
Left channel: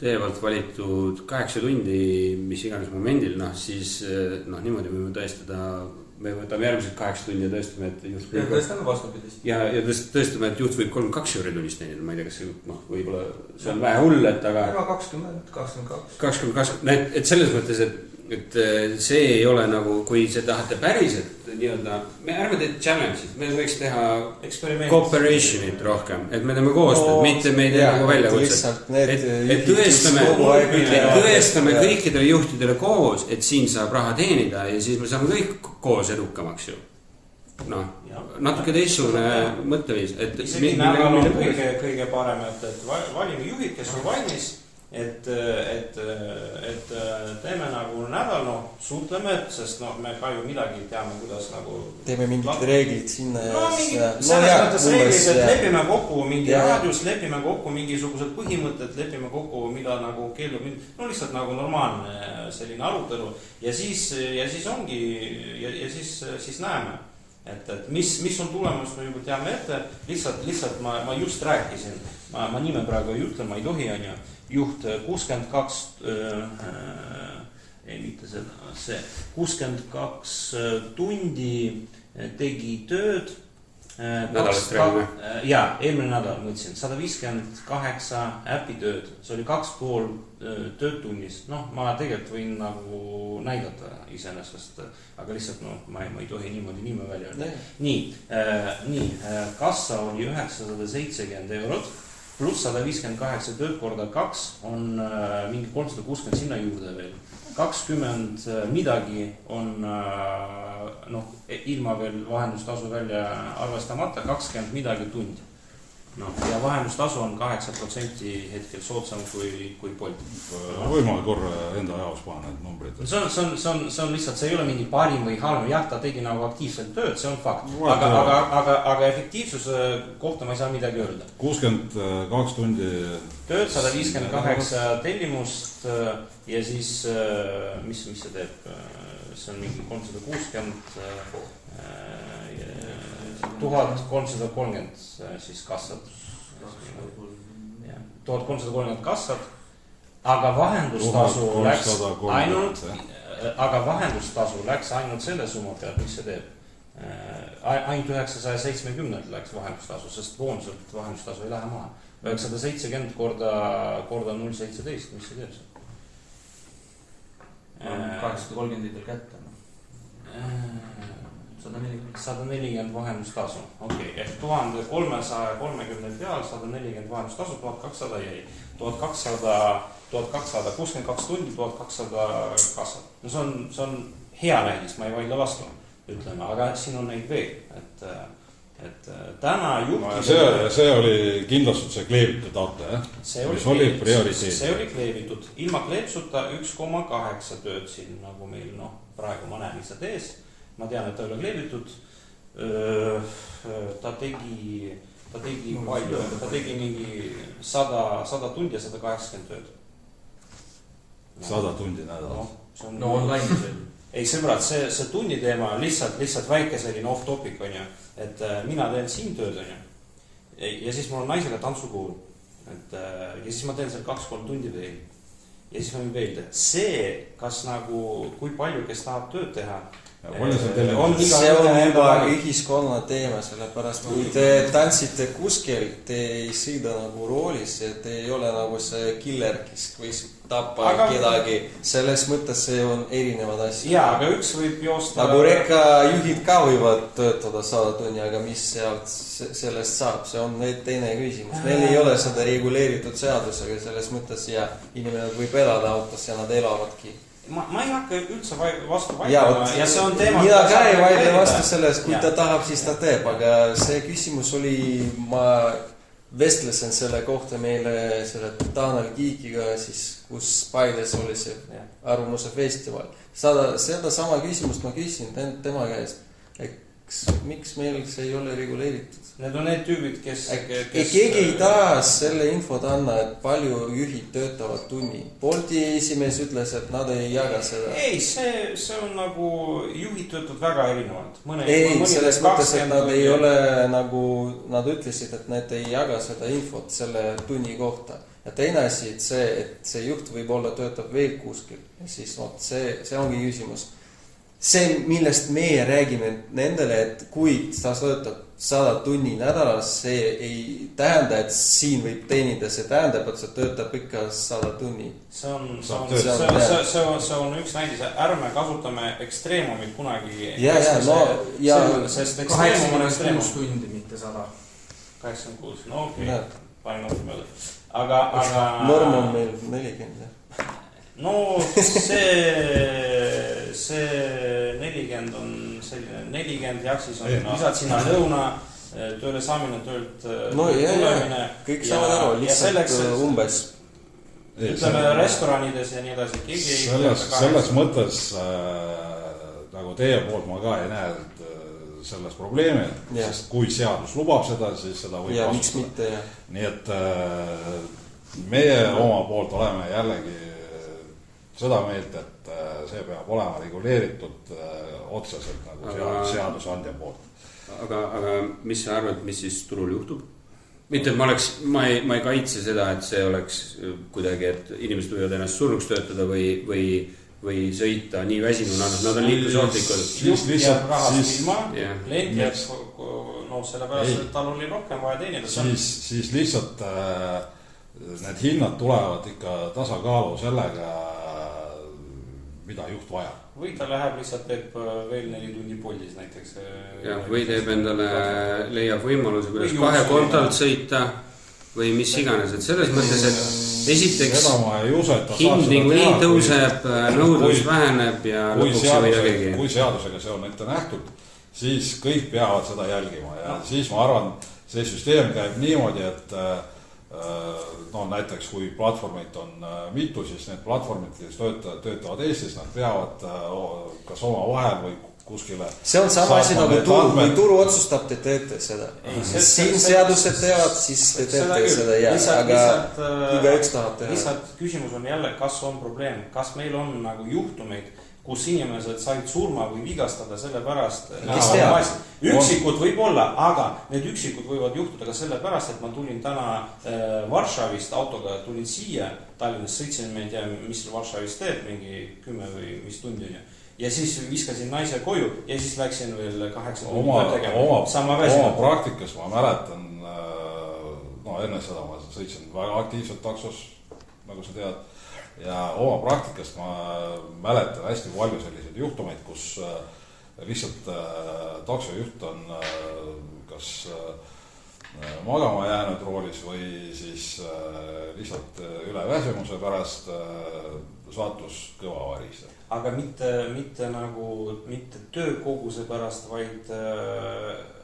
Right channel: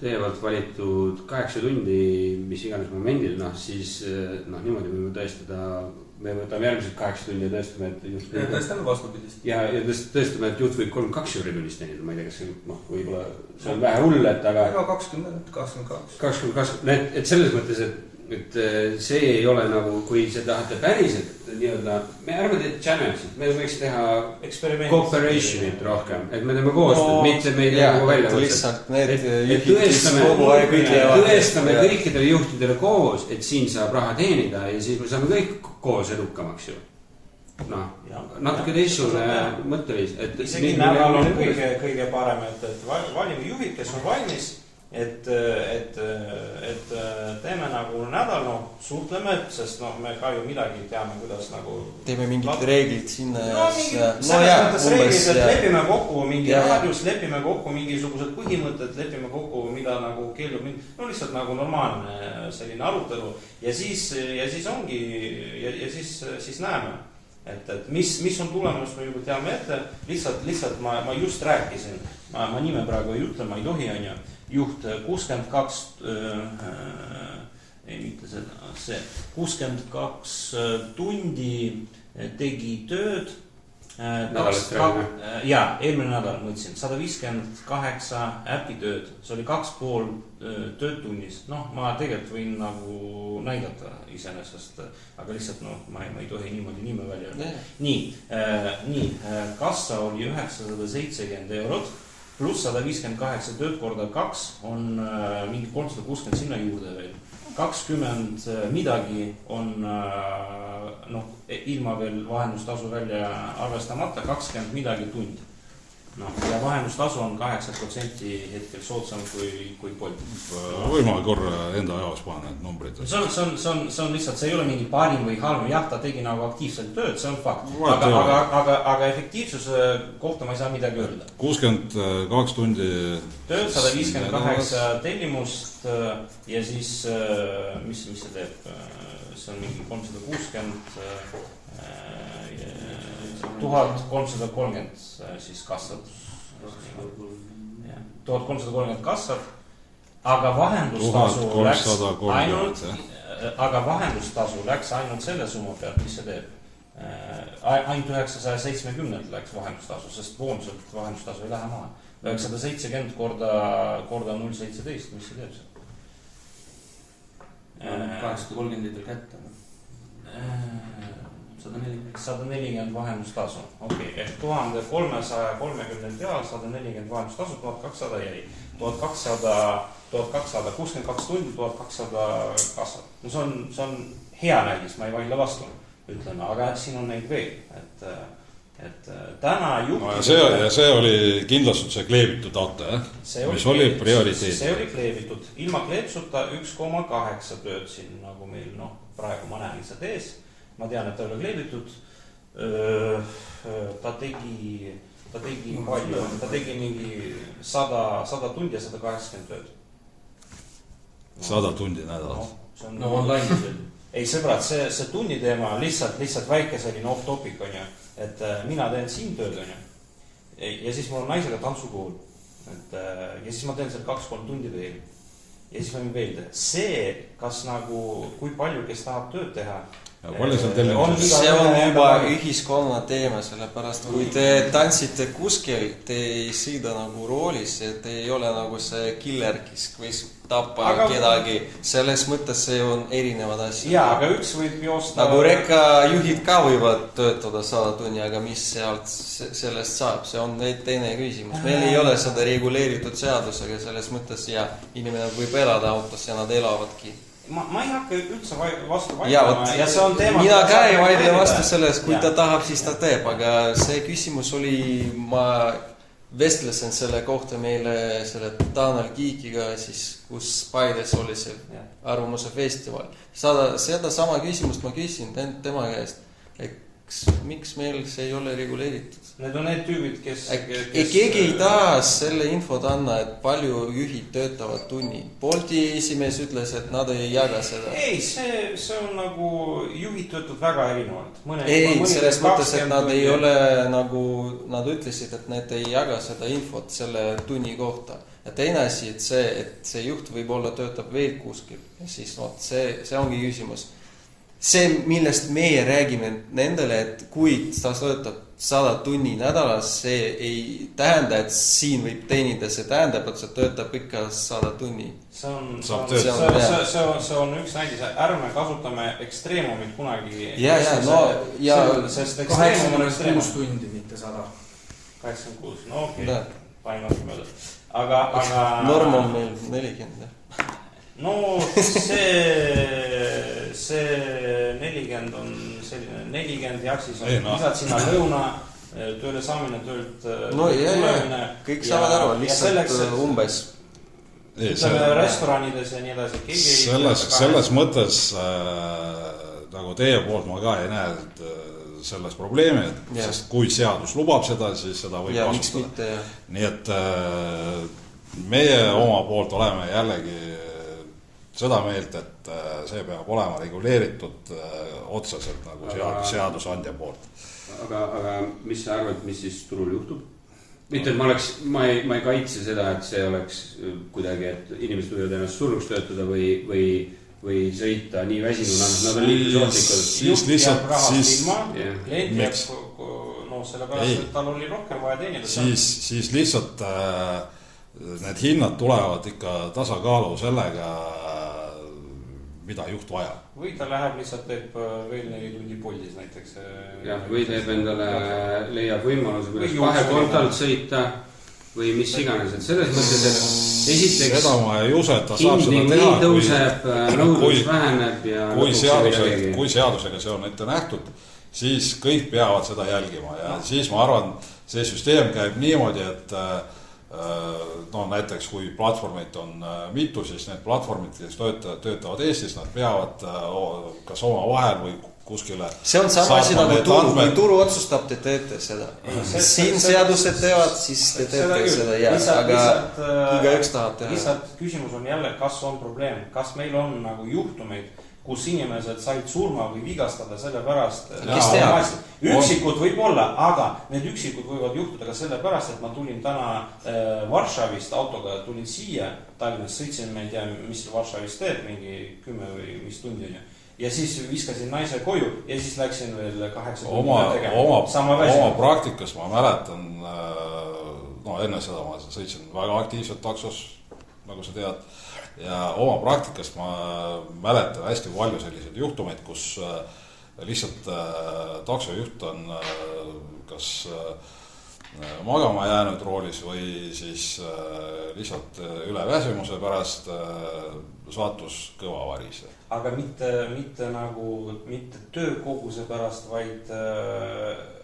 teie poolt valitud 8 tundi, mis iganes momendil, siis niimoodi võime tõestada, me võtame järgmised 8 tundi ja tõestame, et juht ja tõestame vastupidist. Ja tõestame, et juht võib 32 € tunnis teenida, ma ei tea, kas see võib-olla see on vähe hull, et aga 20, 22. Et selles mõttes, et see ei ole nagu, kui see tahate päriselt nii-öelda, me ärme teed challenge'id, me võiks teha cooperation'it rohkem, et me teeme koostööd, mitte meid nagu välja võtset. Et tõestame kõikidele juhtidele koos, et siin saab raha teenida ja siis me saame kõik koos edukamaks ju. Noh, natuke teistsugune mõtteviis. Isegi nädal on kõige parem, et valime juhid, kes on valmis, et teeme nagu nädal, suhtleme, sest me ka ju midagi teame, kuidas nagu teeme mingid reeglid sinna selles mõttes reeglid, et lepime kokku mingi raadius, lepime kokku mingisugused põhimõtted, lepime kokku, mida nagu keelub lihtsalt nagu normaalne selline arutelu ja siis ongi ja siis näeme, et mis on tulemus, me juba teame ette, lihtsalt ma just rääkisin, ma nime praegu ei ütle, ma ei tohi, on ju, juht 62 tundi tegi tööd. Jaa, eelmine nädal mõtlesin, 158 äpitööd, see oli 2,5 tööd tunnis. Ma tegelikult võin nagu näidata iseenesest, aga lihtsalt ma ei tohi niimoodi nime välja öelda. Nii, kassa oli 970 eurot. Pluss 158 tööd korda 2 on mingi 360 sinna juurde veel. 20 midagi on ilma veel vahendustasu välja arvestamata, 20 midagi tund. Ja vahendustasu on 8% hetkel soodsam kui Bolt. Võimalik korra enda jaos panna need numbrid. See on lihtsalt, see ei ole mingi parim või halm. Jah, ta tegi nagu aktiivselt tööd, see on fakt. Aga efektiivsuse kohta ma ei saa midagi öelda. 62 tundi tööd, 158 tellimust ja siis, mis see teeb? See on mingi 360 1330 siis kassad. 1330 kassad, aga vahendustasu läks ainult selle summa pealt, mis see teeb. Ainult 970 läks vahendustasu, sest boonselt vahendustasu ei lähe maha. 970 korda 0,17, mis see teeb see? 830 liitel kätte. 140 vahendustasu, ehk 1330 peal, 140 vahendustasu, 1200 jäi. 1200, 62 tundi, 1200 kassad. See on hea näidis, ma ei vaidle vastu, ütleme, aga siin on neid veel, et täna juhti... See oli kindlastuse kleebitud auto, mis oli prioriteet. See oli kleebitud, ilma kleepsuta 1,8 tööd siin, nagu meil praegu ma näen lihtsalt ees. Ma tean, et ta oli kleebitud, ta tegi palju, ta tegi mingi 100 tundi ja 180 tööd. 100 tundi nädal. Online. Ei sõbrad, see tunni teema on lihtsalt väike selline off topic, on ju, et mina teen siin tööd, on ju, ja siis mul on naisega tantsukool, ja siis ma teen seal 2-3 tundi veel, ja siis ma võin veel teha. See, kas nagu, kui palju, kes tahab tööd teha, see on juba ühiskonna teema, sellepärast kui te tantsite kuskil, te ei sõida nagu roolis, te ei ole nagu see killer, kes võis tappa kedagi, selles mõttes see on erinevad asjad. Jaa, aga üks võib joosta... Nagu rekkajuhid ka võivad töötada 100 tunni, aga mis sellest saab, see on teine küsimus. Meil ei ole seda reguleeritud seadusega, selles mõttes ja inimene võib elada autos ja nad elavadki. Ma ei hakka üldse vastu vaidlema ja see on teema... Mina ka ei vaidle vastu sellest, kui ta tahab, siis ta teeb, aga see küsimus oli, ma vestlesen selle kohta meile selle Tanel Kiikiga, siis kus Paides oli see arvamuse festival. Seda sama küsimust ma küsin tema käest, miks meil see ei ole reguleeritud. Need on need tüübid, kes... Keegi ei taha selle infot anna, et palju juhid töötavad tunni. Bolti esimees ütles, et nad ei jaga seda. Ei, see on nagu juhid töötavad väga erinevalt. Ei, selles mõttes, et nad ei ole nagu, nad ütlesid, et need ei jaga seda infot selle tunni kohta. Ja teine asi, et see juht võib olla töötab veel kuskil. Ja siis see ongi küsimus. see, millest meie räägime nendele, et kui ta töötab 100 tunni nädalas, see ei tähenda, et siin võib teenida, see tähendab, et see töötab ikka 100 tunni. See on üks näidis, ärme kasutame ekstreemumit kunagi. Sest 86 tundi, mitte 100. 86, no okei, panen natuke peale. Aga norm on meil 40. No see 40 on selline 40 ja siis on lisad sinna lõuna, tööle saamine, töölt tulemine. Kõik saavad aru, lihtsalt umbes. Ütleme restoranides ja nii edasi. Selles mõttes nagu teie poolt ma ka ei näe selles probleemi, sest kui seadus lubab seda, siis seda võib kasutada. Nii et meie oma poolt oleme jällegi seda meelt, et see peab olema reguleeritud otseselt nagu seadusandja poolt. Aga mis sa arvad, mis siis turul juhtub? Mitte, et ma ei kaitse seda, et see oleks kuidagi, et inimesed võivad ennast surnuks töötada või sõita nii väsimuna, nad on liiklusohtlikud. Juht jääb rahast ilma, klient jääb sellepärast, et tal oli rohkem vaja teenida. Siis lihtsalt need hinnad tulevad ikka tasakaalu sellega, mida juht vajab. Või ta läheb lihtsalt teeb veel 4 tundi poldis näiteks. Või teeb endale, leiab võimaluse, kuidas 2 kontalt sõita või mis iganes. Et selles mõttes, et esiteks hind tõuseb, nõudlus väheneb ja kui seadusega see on ette nähtud, siis kõik peavad seda jälgima ja siis ma arvan, see süsteem käib niimoodi, et näiteks kui platvormid on mitu, siis need platvormid, kes töötavad Eestis, nad peavad kas oma vahel või kuskile. See on sama asi nagu turu, kui turu otsustab, te teete seda. Siin seadused teevad, siis te teete seda aga kui üks tahab teha. Lihtsalt küsimus on jälle, kas on probleem, kas meil on nagu juhtumeid, kus inimesed said surma või vigastada selle pärast. Üksikud võib olla, aga need üksikud võivad juhtuda ka selle pärast, et ma tulin täna Varšavist autoga, tulin siia Tallinnas, sõitsin, ma ei tea, mis Varšavist teeb, mingi 10 või mis tundi on. Ja siis viskasin naise koju ja siis läksin veel 8 tundi tegema. Oma praktikas ma mäletan, enne seda ma sõitsin väga aktiivselt taksos, nagu sa tead. Ja oma praktikast ma mäletan hästi palju selliseid juhtumeid, kus lihtsalt taksojuht on kas magama jäänud roolis või siis lihtsalt üle väsimuse pärast saatus kõva varise. Aga mitte töökoguse pärast, vaid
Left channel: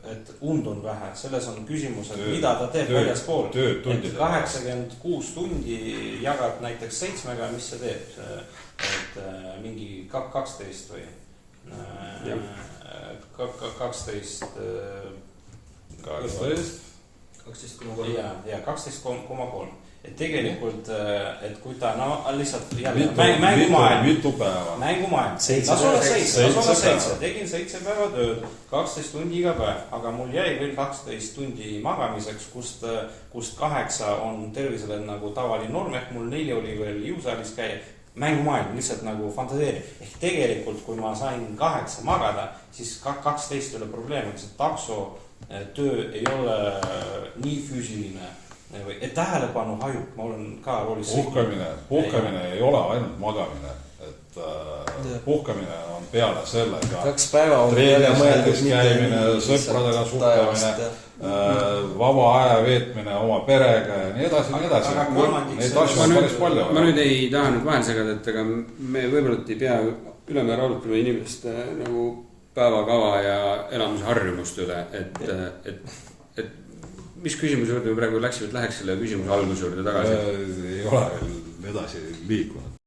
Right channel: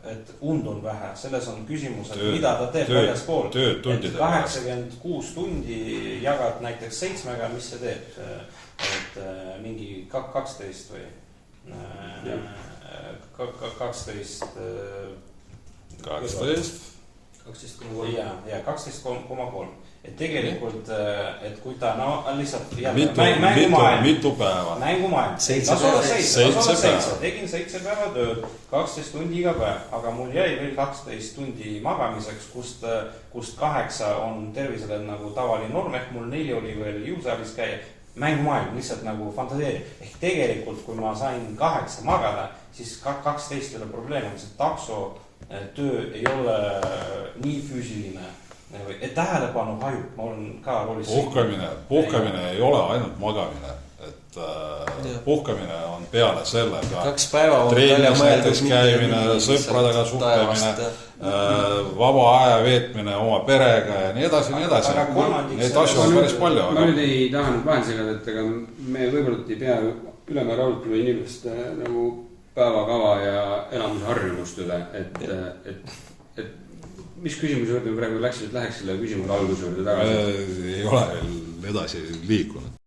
et und on vähe. Selles on küsimus, et mida ta teeb väljaspool. Et 86 tundi jagad näiteks 7-ga, mis see teeb? Et mingi 12 või 12,3. Ja 12,3. Et tegelikult, et kui ta, lihtsalt mängumaailm. 7. Tegin 7 päeva tööd, 12 tundi iga päev, aga mul jäi veel 12 tundi magamiseks, kust 8 on tervisele nagu tavaline norm, ehk mul 4 oli veel jõusaalis käia. Mängumaailm, lihtsalt nagu fantaseeri. Ehk tegelikult, kui ma sain 8 magada, siis 12 oli probleem, et takso töö ei ole nii füüsiline. Et tähelepanu hajub, ma olen ka roolis. Puhkamine ei ole ainult magamine, et puhkamine on peale selle. 2 päeva on jälle mõeldud käimine, sõpradega suhtlemine, vaba aja veetmine oma perega ja nii edasi. Need asju on päris palju. Ma nüüd ei taha nüüd vahel segada, et aga me võib-olla ei pea ülemäära arutama inimeste nagu päevakava ja elamusharjumust üle, et mis küsimuse juurde me praegu läheks selle küsimuse alguse juurde tagasi? Ei ole veel edasi liikunud.